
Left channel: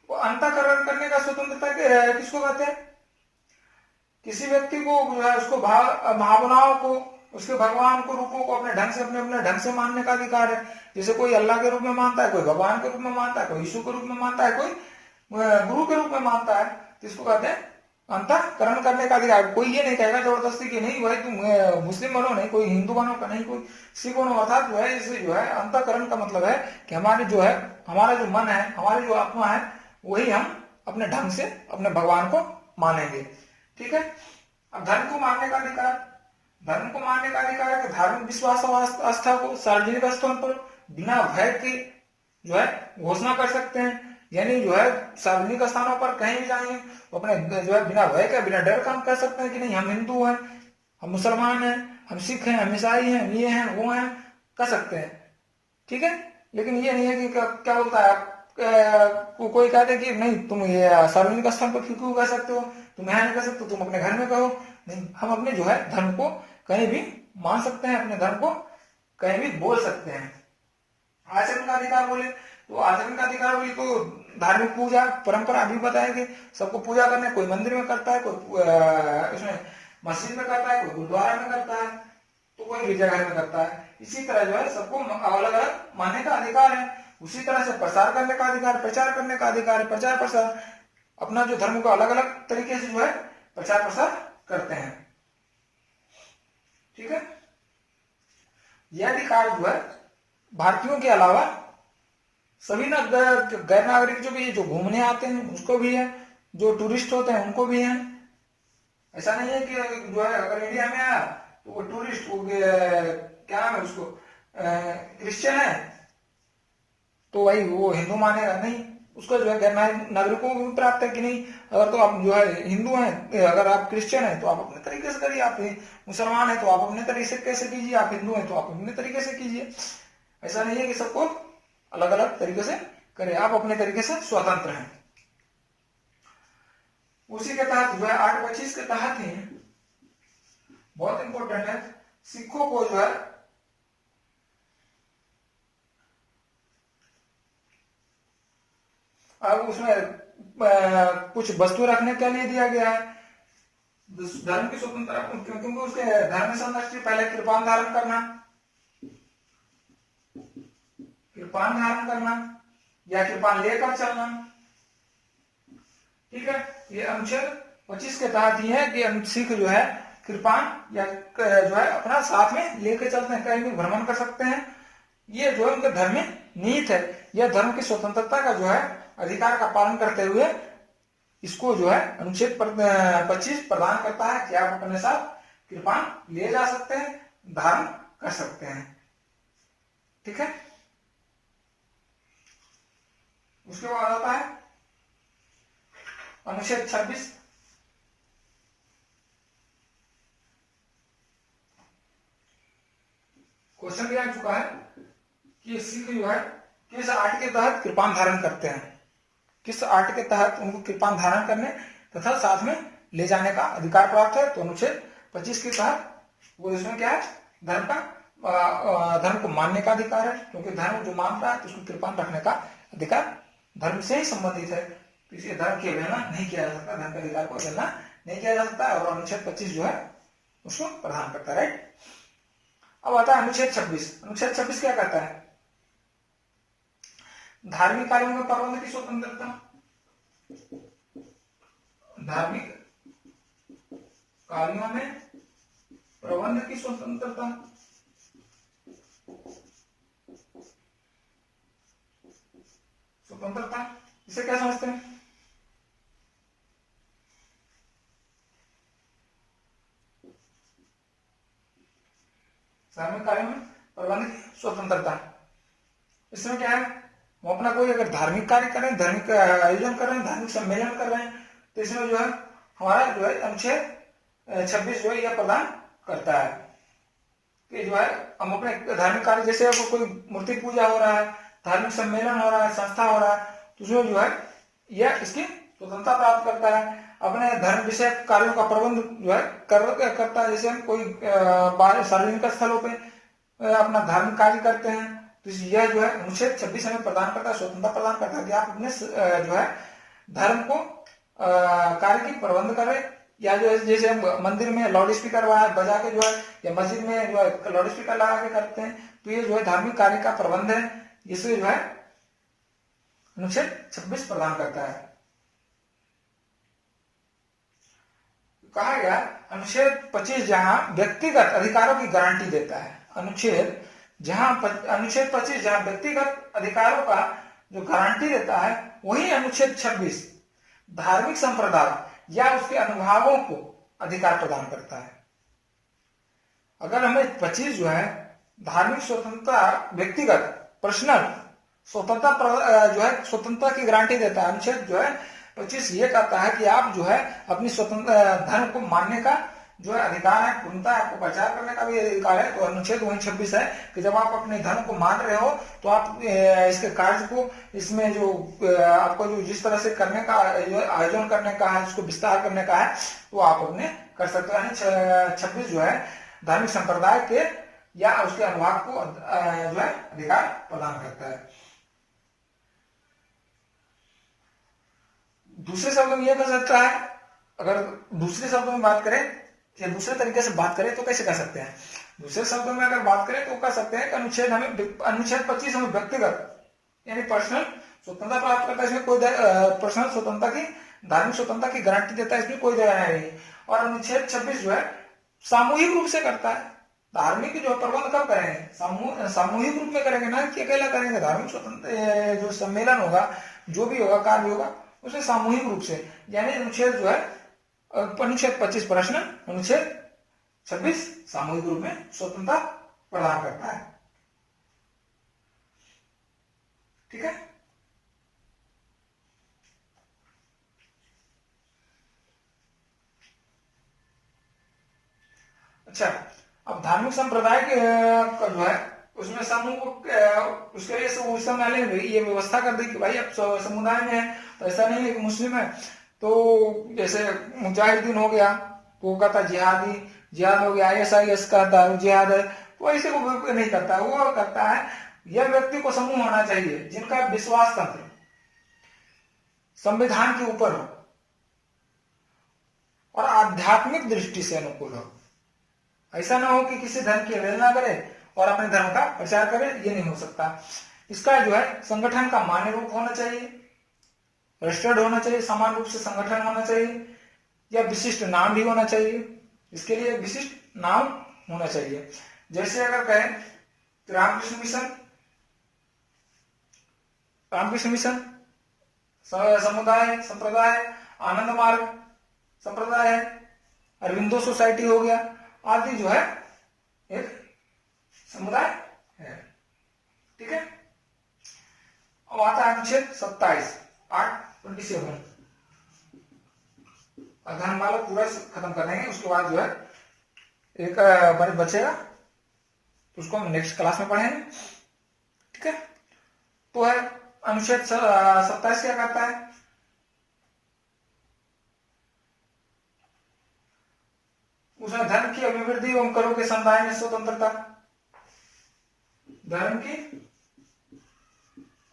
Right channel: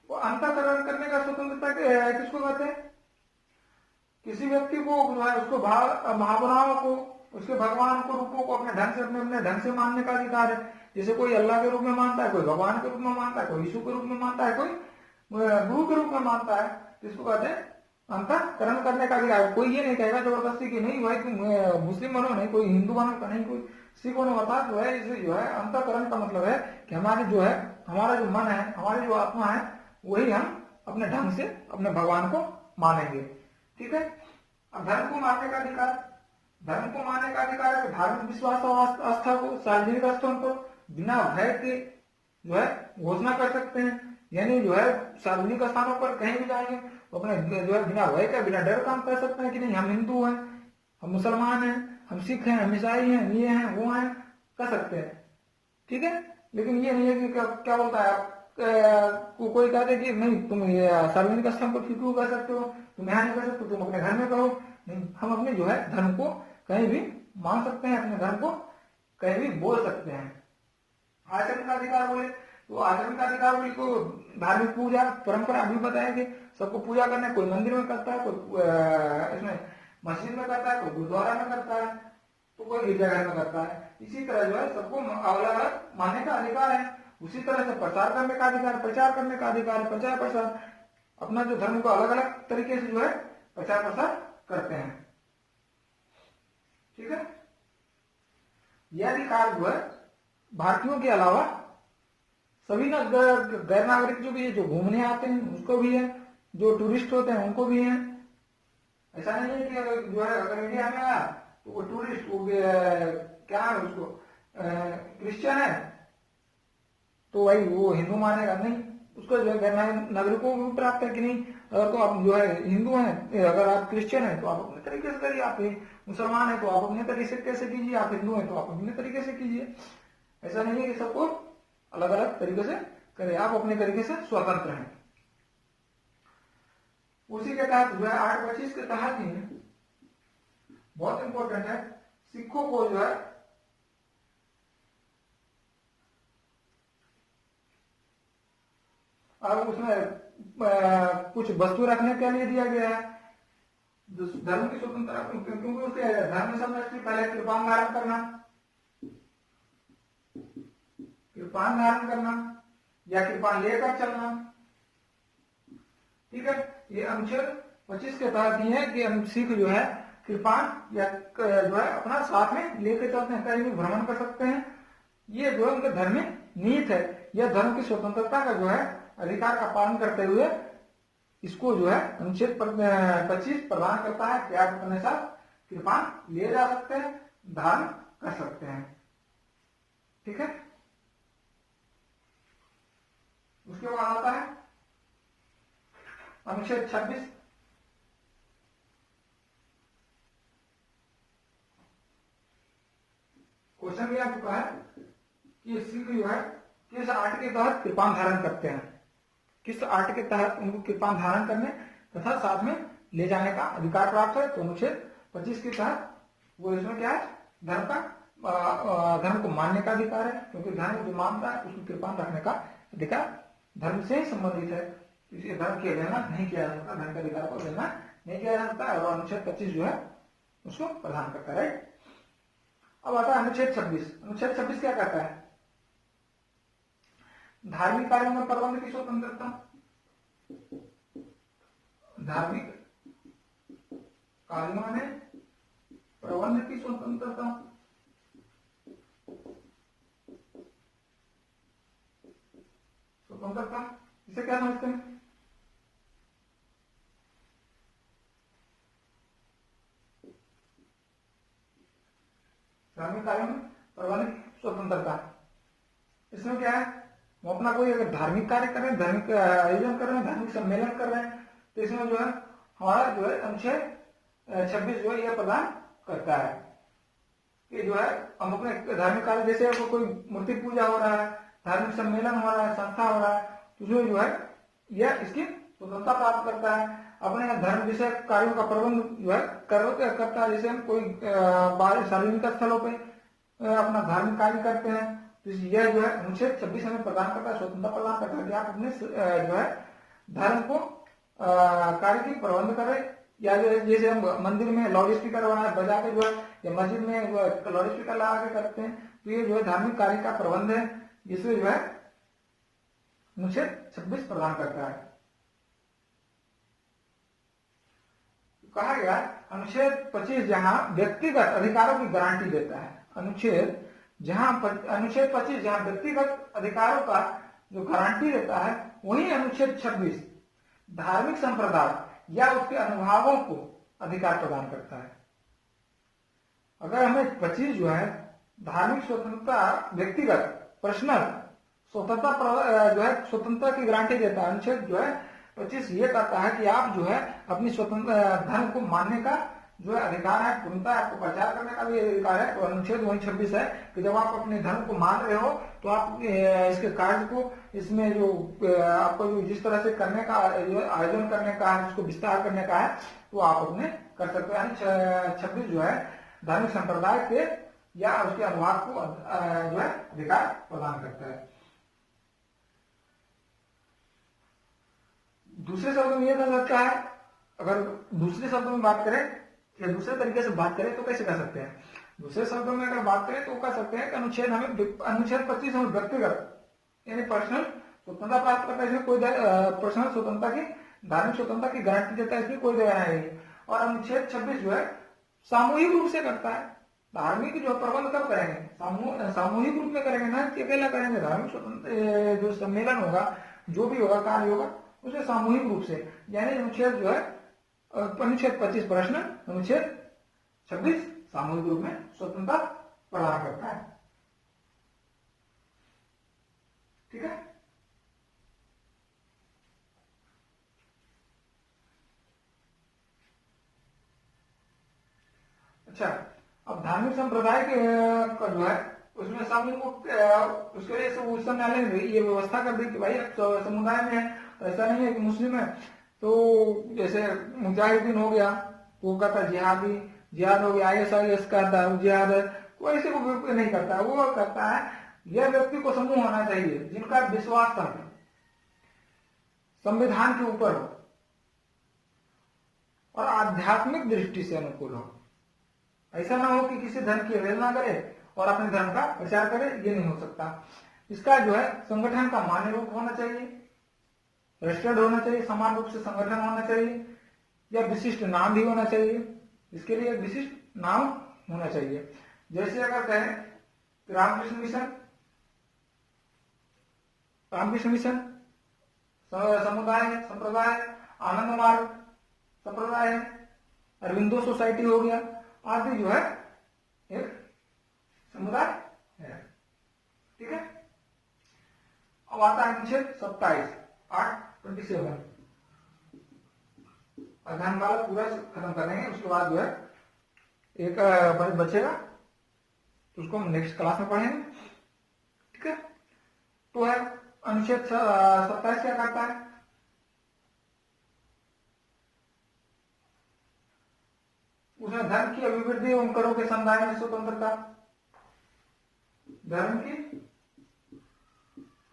वो अंतःकरण करने का स्वतंत्रता किसको कहते हैं? किसी व्यक्ति को उसको भावनाओं को, उसके भगवान को, रूपों को अपने ढंग से मानने का अधिकार है। जैसे कोई अल्लाह के रूप में मानता है, कोई भगवान के रूप में मानता है, कोई यीशु के रूप में मानता है, कोई गुरु के रूप में मानता है, जिसको कहते हैं अंतःकरण करने का अधिकार। कोई ये नहीं कहेगा जबरदस्ती कि नहीं भाई तुम मुस्लिम बनो, नहीं कोई हिंदू बनो, नहीं कोई सिख बनो। अर्थात जो है इससे जो है अंतःकरण का मतलब है कि हमारे जो है, हमारा जो मन है, हमारी जो आत्मा है, वही हम अपने ढंग से अपने भगवान को मानेंगे, ठीक है। अब धर्म को मानने का अधिकार है कि धार्मिक विश्वास और आस्था को सार्वजनिक स्थान पर बिना भय के जो है घोषणा कर सकते हैं। यानी जो है सार्वजनिक स्थानों पर कहीं भी जाएंगे तो अपने जो है बिना भय के, बिना डर का हम कह सकते हैं कि नहीं हम हिंदू हैं, हम मुसलमान हैं, हम सिख हैं, हम ईसाई हैं, ये हैं, वो हैं, कह सकते हैं, ठीक है। लेकिन ये नहीं है कि क्या बोलता है कोई कहते हैं कि नहीं तुम ये सार्वजनिक स्थान पर क्यों कह सकते हो, तुम यहाँ नहीं कह सकते, तुम अपने घर में कहो। नहीं, हम अपने जो है धर्म को कहीं भी मान सकते हैं, अपने धर्म को कहीं भी बोल सकते हैं। आचरण का अधिकार बोले तो धार्मिक पूजा परंपरा अभी बताएंगे, सबको पूजा करना है। कोई मंदिर में करता है, कोई इसमें मस्जिद में करता है, कोई गुरुद्वारा में करता है, तो कोई गिरजाघर में करता है। इसी तरह जो है सबको अलग अलग मानने का अधिकार है। उसी तरह से प्रचार करने का अधिकार, प्रचार प्रसार अपना जो धर्म को अलग अलग तरीके से जो है प्रचार प्रसार करते हैं, ठीक है। यह अधिकार जो है भारतीयों के अलावा सभी गैर नागरिक जो भी है, जो घूमने आते हैं उसको भी है, जो टूरिस्ट होते हैं उनको भी है। ऐसा नहीं है कि जो है अगर इंडिया में आया तो वो टूरिस्ट क्या है उसको क्रिश्चियन है तो भाई वो हिंदू मानेगा, नहीं। उसको जो है गैर नागरिकों को भी प्राप्त है कि नहीं, अगर तो आप जो है हिंदू हैं, अगर आप क्रिश्चियन हैं तो आप अपने तरीके से करिए, आप मुसलमान हैं तो आप अपने तरीके से कीजिए, आप हिंदू हैं तो आप अपने तरीके से कीजिए। ऐसा नहीं है कि सबको अलग अलग तरीके से करें, आप अपने तरीके से स्वतंत्र हैं। उसी के तहत जो है 825 के तहत ही बहुत इंपॉर्टेंट है, सिखों को जो है अब उसमें कुछ वस्तु रखने के लिए दिया गया है। धर्म की स्वतंत्रता, क्योंकि उसके धर्म में संतुष्टि पहले कृपान धारण करना, कृपान धारण करना या कृपान लेकर चलना। ठीक है, ये अनुच्छेद 25 के तहत ही है कि सिख जो है कृपान या जो है अपना साथ में लेकर चलते हैं, कहीं भी भ्रमण कर सकते हैं। ये जो है उनके धर्म में निहित है। यह धर्म की स्वतंत्रता का जो है अधिकार का पालन करते हुए इसको जो है अनुच्छेद 25 प्रदान करता है कि आप अपने साथ कृपान ले जा सकते हैं, धारण कर सकते हैं। ठीक है, उसके बाद आता है अनुच्छेद 26। क्वेश्चन भी आ चुका है कि सिख जो है किस आर्ट के तहत कृपान धारण करते हैं, किस आर्ट के तहत उनको कृपान धारण करने तथा साथ में ले जाने का अधिकार प्राप्त है। तो अनुच्छेद 25 के तहत वो इसमें क्या है, धर्म का धर्म को मानने का अधिकार है, क्योंकि धर्म जो मानता है तो उसको कृपान रखने का अधिकार धर्म से ही संबंधित है। तो इसे धर्म की अवहेलना नहीं किया जा सकता, धर्म के अधिकार को अवहेलना नहीं किया जा सकता, और अनुच्छेद 25 जो है उसको प्रदान करता है। राइट, अब आता है अनुच्छेद 26। अनुच्छेद 26 क्या कहता है, धार्मिक कार्यों में प्रबंध की स्वतंत्रता, धार्मिक कार्यों में प्रबंध की स्वतंत्रता। स्वतंत्रता इसे क्या समझते हैं, धार्मिक कार्यों में प्रबंध की स्वतंत्रता। इसमें क्या है, वो अपना कोई अगर धार्मिक कार्य कर रहे हैं, धार्मिक आयोजन कर रहे हैं, धार्मिक सम्मेलन कर रहे हैं, तो इसमें जो है हमारा जो है अनुच्छेद 26 जो है यह प्रदान करता है कि जो है हम अपने धार्मिक कार्य, जैसे कोई मूर्ति पूजा हो रहा है, धार्मिक सम्मेलन हो रहा है, संस्था हो रहा है, तो उसमें जो है यह इसकी स्वतंत्रता प्राप्त करता है। अपने धर्म विषय कार्यों का प्रबंध जो है करता है, जैसे हम कोई बाहर सार्वजनिक स्थलों पे अपना धार्मिक कार्य करते हैं, तो यह जो है अनुच्छेद 26 हमें प्रदान करता है, स्वतंत्रता प्रदान करता है कि आप अपने जो है धर्म को कार्य की प्रबंध करें, या जो है जैसे हम मंदिर में लाउड स्पीकर बजा के जो है, या मस्जिद में जो है लाउड स्पीकर लगा के करते हैं, तो ये जो है धार्मिक कार्य का प्रबंध है, जिससे जो है अनुच्छेद 26 प्रदान करता है। कहा गया अनुच्छेद 25 जहां व्यक्तिगत अधिकारों की गारंटी देता है, अनुच्छेद 25 जहां व्यक्तिगत अधिकारों का जो गारंटी देता है, वही अनुच्छेद 26 धार्मिक संप्रदाय या उसके अनुभागों को अधिकार प्रदान करता है। अगर हमें 25 जो है धार्मिक स्वतंत्रता, व्यक्तिगत पर्सनल स्वतंत्रता जो है स्वतंत्रता की गारंटी देता है, अनुच्छेद जो है 25 ये कहता है कि आप जो है अपनी स्वतंत्र धर्म को मानने का जो है अधिकार है, पूर्णता आपको प्रचार करने का भी अधिकार है। तो अनुच्छेद वही 26 है कि जब आप अपने धर्म को मान रहे हो तो आप इसके कार्य को, इसमें जो आपको जो जिस तरह से करने का आयोजन करने का है, इसको विस्तार करने का है, तो आप अपने कर सकते हैं। 26 जो है धार्मिक संप्रदाय के या उसके अनुभाग को जो है अधिकार प्रदान करता है। दूसरे शब्दों में यह कह सकता है, अगर दूसरे शब्दों में बात करें या दूसरे तरीके से बात करें तो कैसे कह सकते हैं, दूसरे शब्दों में अगर बात करें तो कह सकते हैं कि अनुच्छेद 25 हमें व्यक्तिगत यानी पर्सनल स्वतंत्रता प्राप्त करता है, इसमें कोई पर्सनल स्वतंत्रता की, धार्मिक स्वतंत्रता की गारंटी देता है, इसमें कोई दया नहीं। और अनुच्छेद 26 जो है सामूहिक रूप से करता है, धार्मिक जो प्रबंध कब करेंगे, सामूहिक रूप में करेंगे, ना कि अकेला करेंगे। धार्मिक स्वतंत्र जो सम्मेलन होगा, जो भी होगा, कार्य होगा, उसे सामूहिक रूप से, यानी अनुच्छेद जो है अनुच्छेद 25 पर्सनल, अनुच्छेद 26 सामूहिक रूप में स्वतंत्रता प्रदान करता है। ठीक है, अच्छा, अब धार्मिक संप्रदाय के जो है उसमें समूह को उसके लिए उस समय ने ये व्यवस्था कर दी कि भाई अब समुदाय में है, तो ऐसा नहीं है कि मुस्लिम है तो जैसे मुजाहिदीन हो गया तो वो कहता जिहाद हो गया, ISIS का जिहाद है, तो ऐसे वो नहीं करता। वो करता है यह व्यक्ति को समूह होना चाहिए जिनका विश्वास तंत्र संविधान के ऊपर हो, और आध्यात्मिक दृष्टि से अनुकूल हो। ऐसा ना हो कि किसी धर्म की अवहेलना करे और अपने धर्म का प्रचार करे, ये नहीं हो सकता। इसका जो है संगठन का मान्य रूप होना चाहिए, रजिस्टर्ड होना चाहिए, समान रूप से संगठन होना चाहिए, या विशिष्ट नाम भी होना चाहिए। इसके लिए विशिष्ट नाम होना चाहिए। जैसे अगर कहें तो रामकृष्ण मिशन समुदाय संप्रदाय, आनंद मार्ग संप्रदाय है, अरविंदो सोसाइटी हो गया, आदि जो है एक समुदाय है। ठीक है। अब आता है अनुच्छेद 27 827। अध्ययन वाला पूरा खत्म कर देंगे, उसके बाद जो है एक बार बचेगा, उसको हम नेक्स्ट क्लास में पढ़ेंगे। ठीक है। तो है अनुच्छेद 27 क्या करता है? उसमें धर्म की अभिवृद्धि एवं करों के समुदाय में स्वतंत्रता, धर्म की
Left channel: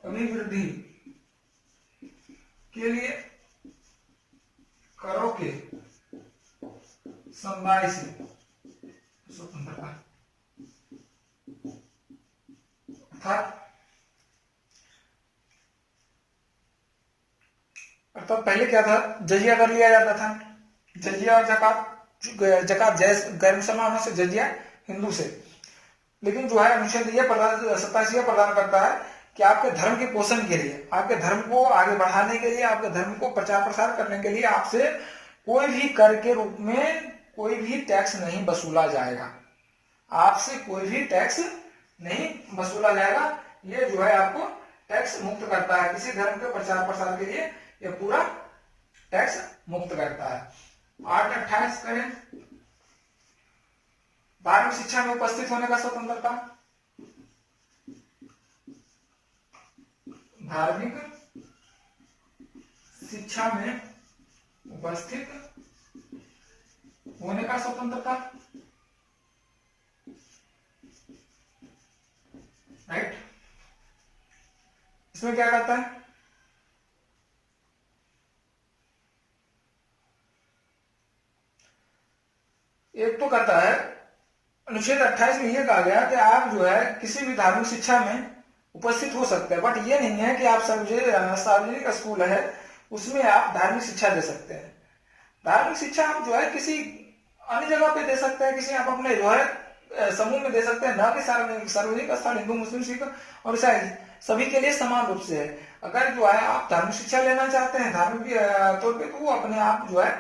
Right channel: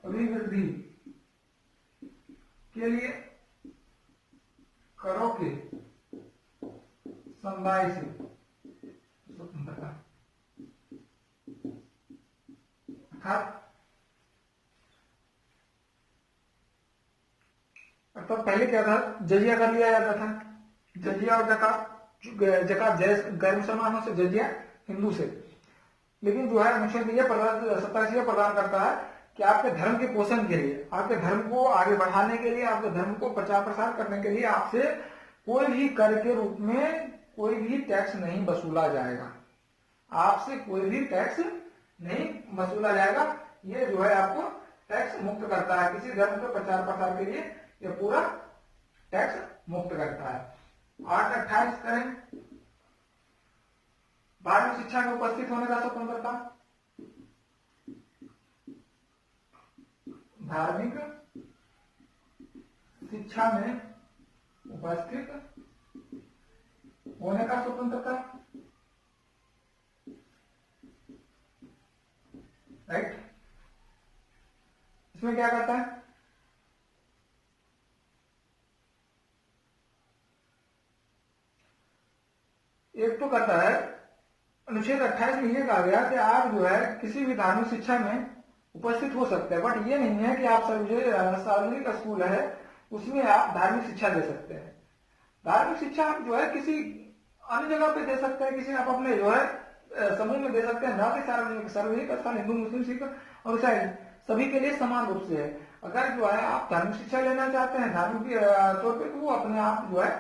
अभिवृद्धि के लिए करों के समुदाय से स्वतंत्रता, अर्थात पहले क्या था, जजिया कर लिया जाता था, जजिया और जकात जैस गैर मुसलमानों से, जजिया हिंदू से। लेकिन जो है अनुच्छेद ये 27 प्रदान करता है कि आपके धर्म के पोषण के लिए, आपके धर्म को आगे बढ़ाने के लिए, आपके धर्म को प्रचार प्रसार करने के लिए आपसे कोई भी कर के रूप में कोई भी टैक्स नहीं वसूला जाएगा। आपसे कोई भी टैक्स नहीं वसूला जाएगा। ये जो है आपको टैक्स मुक्त करता है। किसी धर्म के प्रचार प्रसार के लिए ये पूरा टैक्स मुक्त करता है। 828 करें, धार्मिक शिक्षा में उपस्थित होने का स्वतंत्रता, धार्मिक शिक्षा में उपस्थित होने का स्वतंत्रता, राइट। इसमें क्या कहता है? एक तो कहता है अनुच्छेद 28 में यह कहा गया कि आप जो है किसी भी धार्मिक शिक्षा में उपस्थित हो सकते हैं, बट ये नहीं है कि आप सार्वजनिक स्कूल है उसमें आप धार्मिक शिक्षा दे सकते हैं। धार्मिक शिक्षा आप जो है किसी अन्य जगह पे दे सकते हैं, किसी आप अपने जो है समूह में दे सकते हैं, न कि सार्वजनिक स्थान हिंदू मुस्लिम सिख और ईसाई सभी के लिए समान रूप से है। अगर जो है आप धार्मिक शिक्षा लेना चाहते हैं धार्मिक तौर पे, तो वो अपने आप जो है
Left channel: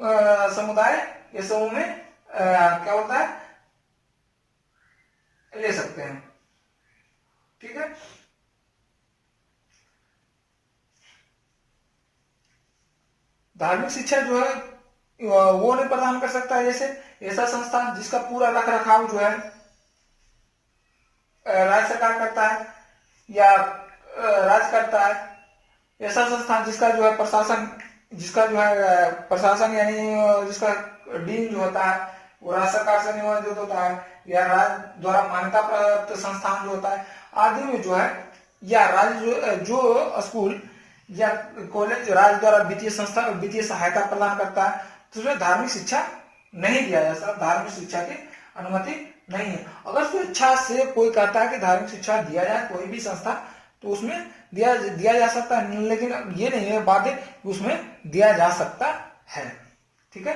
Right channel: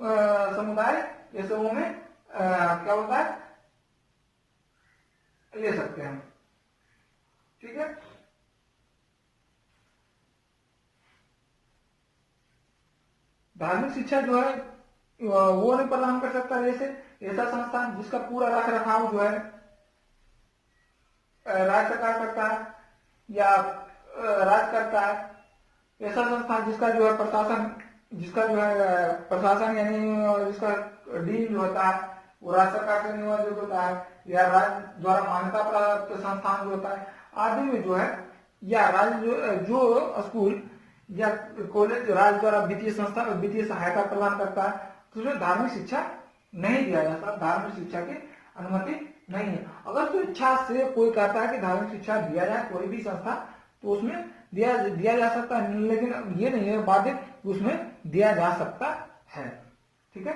समुदाय या समूह में क्या होता है ले सकते हैं। ठीक है। धार्मिक शिक्षा जो है वो नहीं प्रदान कर सकता है। जैसे ऐसा संस्थान जिसका पूरा रख रखाव जो है राज्य सरकार करता है या राज्य करता है, ऐसा संस्थान जिसका जो है प्रशासन यानी जिसका डीन जो होता है वो राज्य सरकार से नियोजित होता है, या राज्य द्वारा मान्यता प्राप्त संस्थान जो होता है आदि में जो है, या राज्य जो स्कूल या कॉलेज राज्य द्वारा वित्तीय सहायता प्रदान करता है, तो उसमें धार्मिक शिक्षा नहीं दिया जा सकता। धार्मिक शिक्षा की अनुमति नहीं है। अगर स्वेच्छा से कोई कहता है कि धार्मिक शिक्षा दिया जाए कोई भी संस्था, तो उसमें दिया जा सकता है, लेकिन ये नहीं है बाध्य कि उसमें दिया जा सकता है। ठीक है।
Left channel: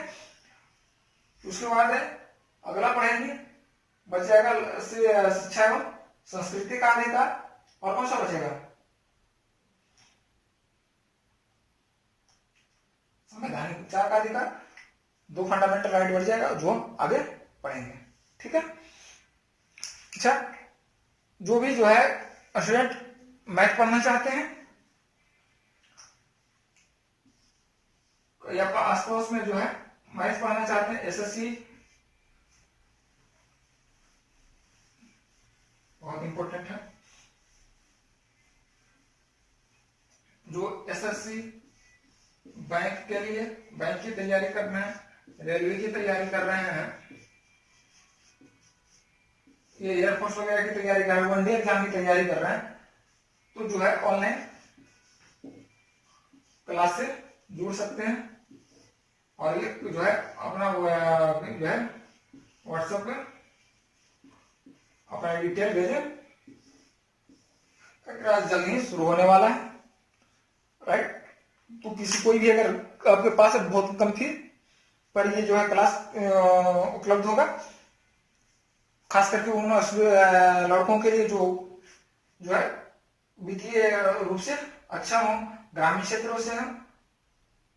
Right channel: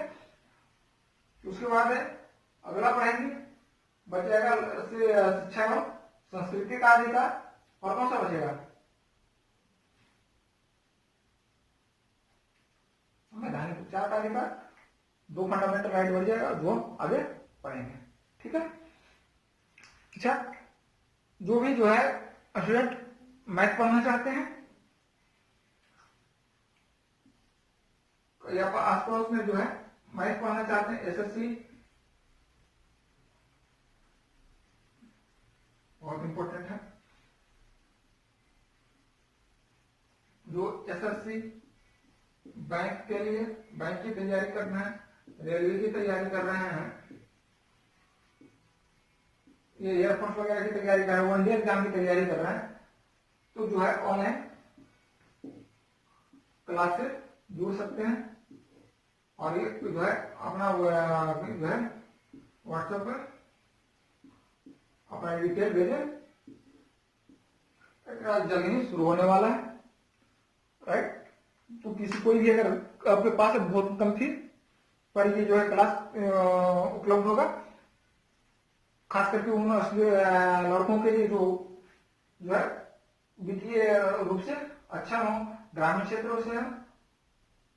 उसके बाद है अगला पढ़ेंगे, बचेगा शिक्षा एवं संस्कृति का अधिकार। और कौन सा बचेगा? संवैधानिक उपचार का अधिकार। 2 फंडामेंटल राइट बढ़ जाएगा जो हम आगे पढ़ेंगे। ठीक है। अच्छा, जो भी जो है स्टूडेंट मैथ पढ़ना चाहते हैं या आसपास में जो है मैथ पढ़ना चाहते हैं, एसएससी बहुत इंपॉर्टेंट है। जो एसएससी बैंक के लिए बैंक की तैयारी कर रहे हैं, रेलवे की तैयारी कर रहे हैं, ये एयरफोर्स वगैरह की तैयारी कर रहे हैं, वनडे एग्जाम की तैयारी कर रहे हैं, तो जो है ऑनलाइन क्लास से जुड़ सकते हैं। और ये जो है अपना जो है व्हाट्सएप पे अपना डिटेल भेजें, क्लास जल्दी ही शुरू होने वाला है, राइट। तो किसी कोई भी अगर आपके पास बहुत कम फी पर ये जो है क्लास उपलब्ध होगा, खास करके उन लड़कों के लिए जो है वित्तीय रूप से अच्छा हो, ग्रामीण क्षेत्रों से हो,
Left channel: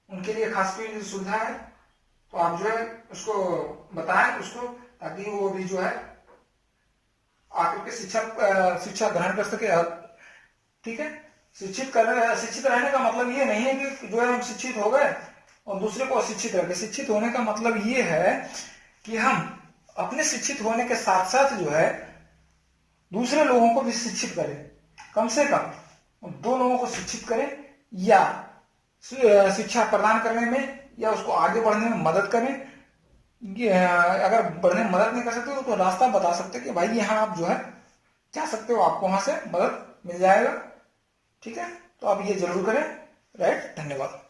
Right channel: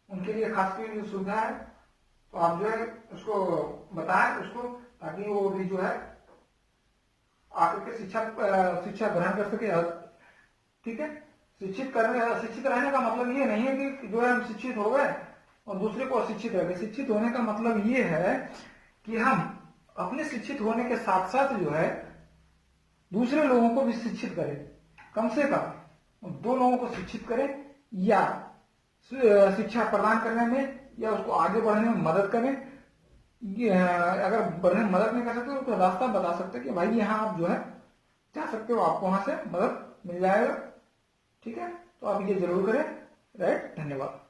उनके लिए खास की सुविधा है। तो आप जो है उसको बताएं उसको, ताकि वो भी जो है आकर के शिक्षा ग्रहण कर सके। ठीक है, शिक्षित रहने का मतलब ये नहीं है कि जो है हम शिक्षित हो गए और दूसरे को अशिक्षित रह गए। शिक्षित होने का मतलब ये है कि हम अपने शिक्षित होने के साथ साथ जो है दूसरे लोगों को भी शिक्षित करें, कम से कम दो लोगों को शिक्षित करें, या शिक्षा प्रदान करने में या उसको आगे बढ़ने में मदद करें। अगर बढ़ने में मदद नहीं कर सकते तो रास्ता बता सकते कि भाई यहाँ आप जो है जा सकते हो, आपको वहां से मदद मिल जाएगा। ठीक है, तो आप ये जरूर करें, राइट। धन्यवाद।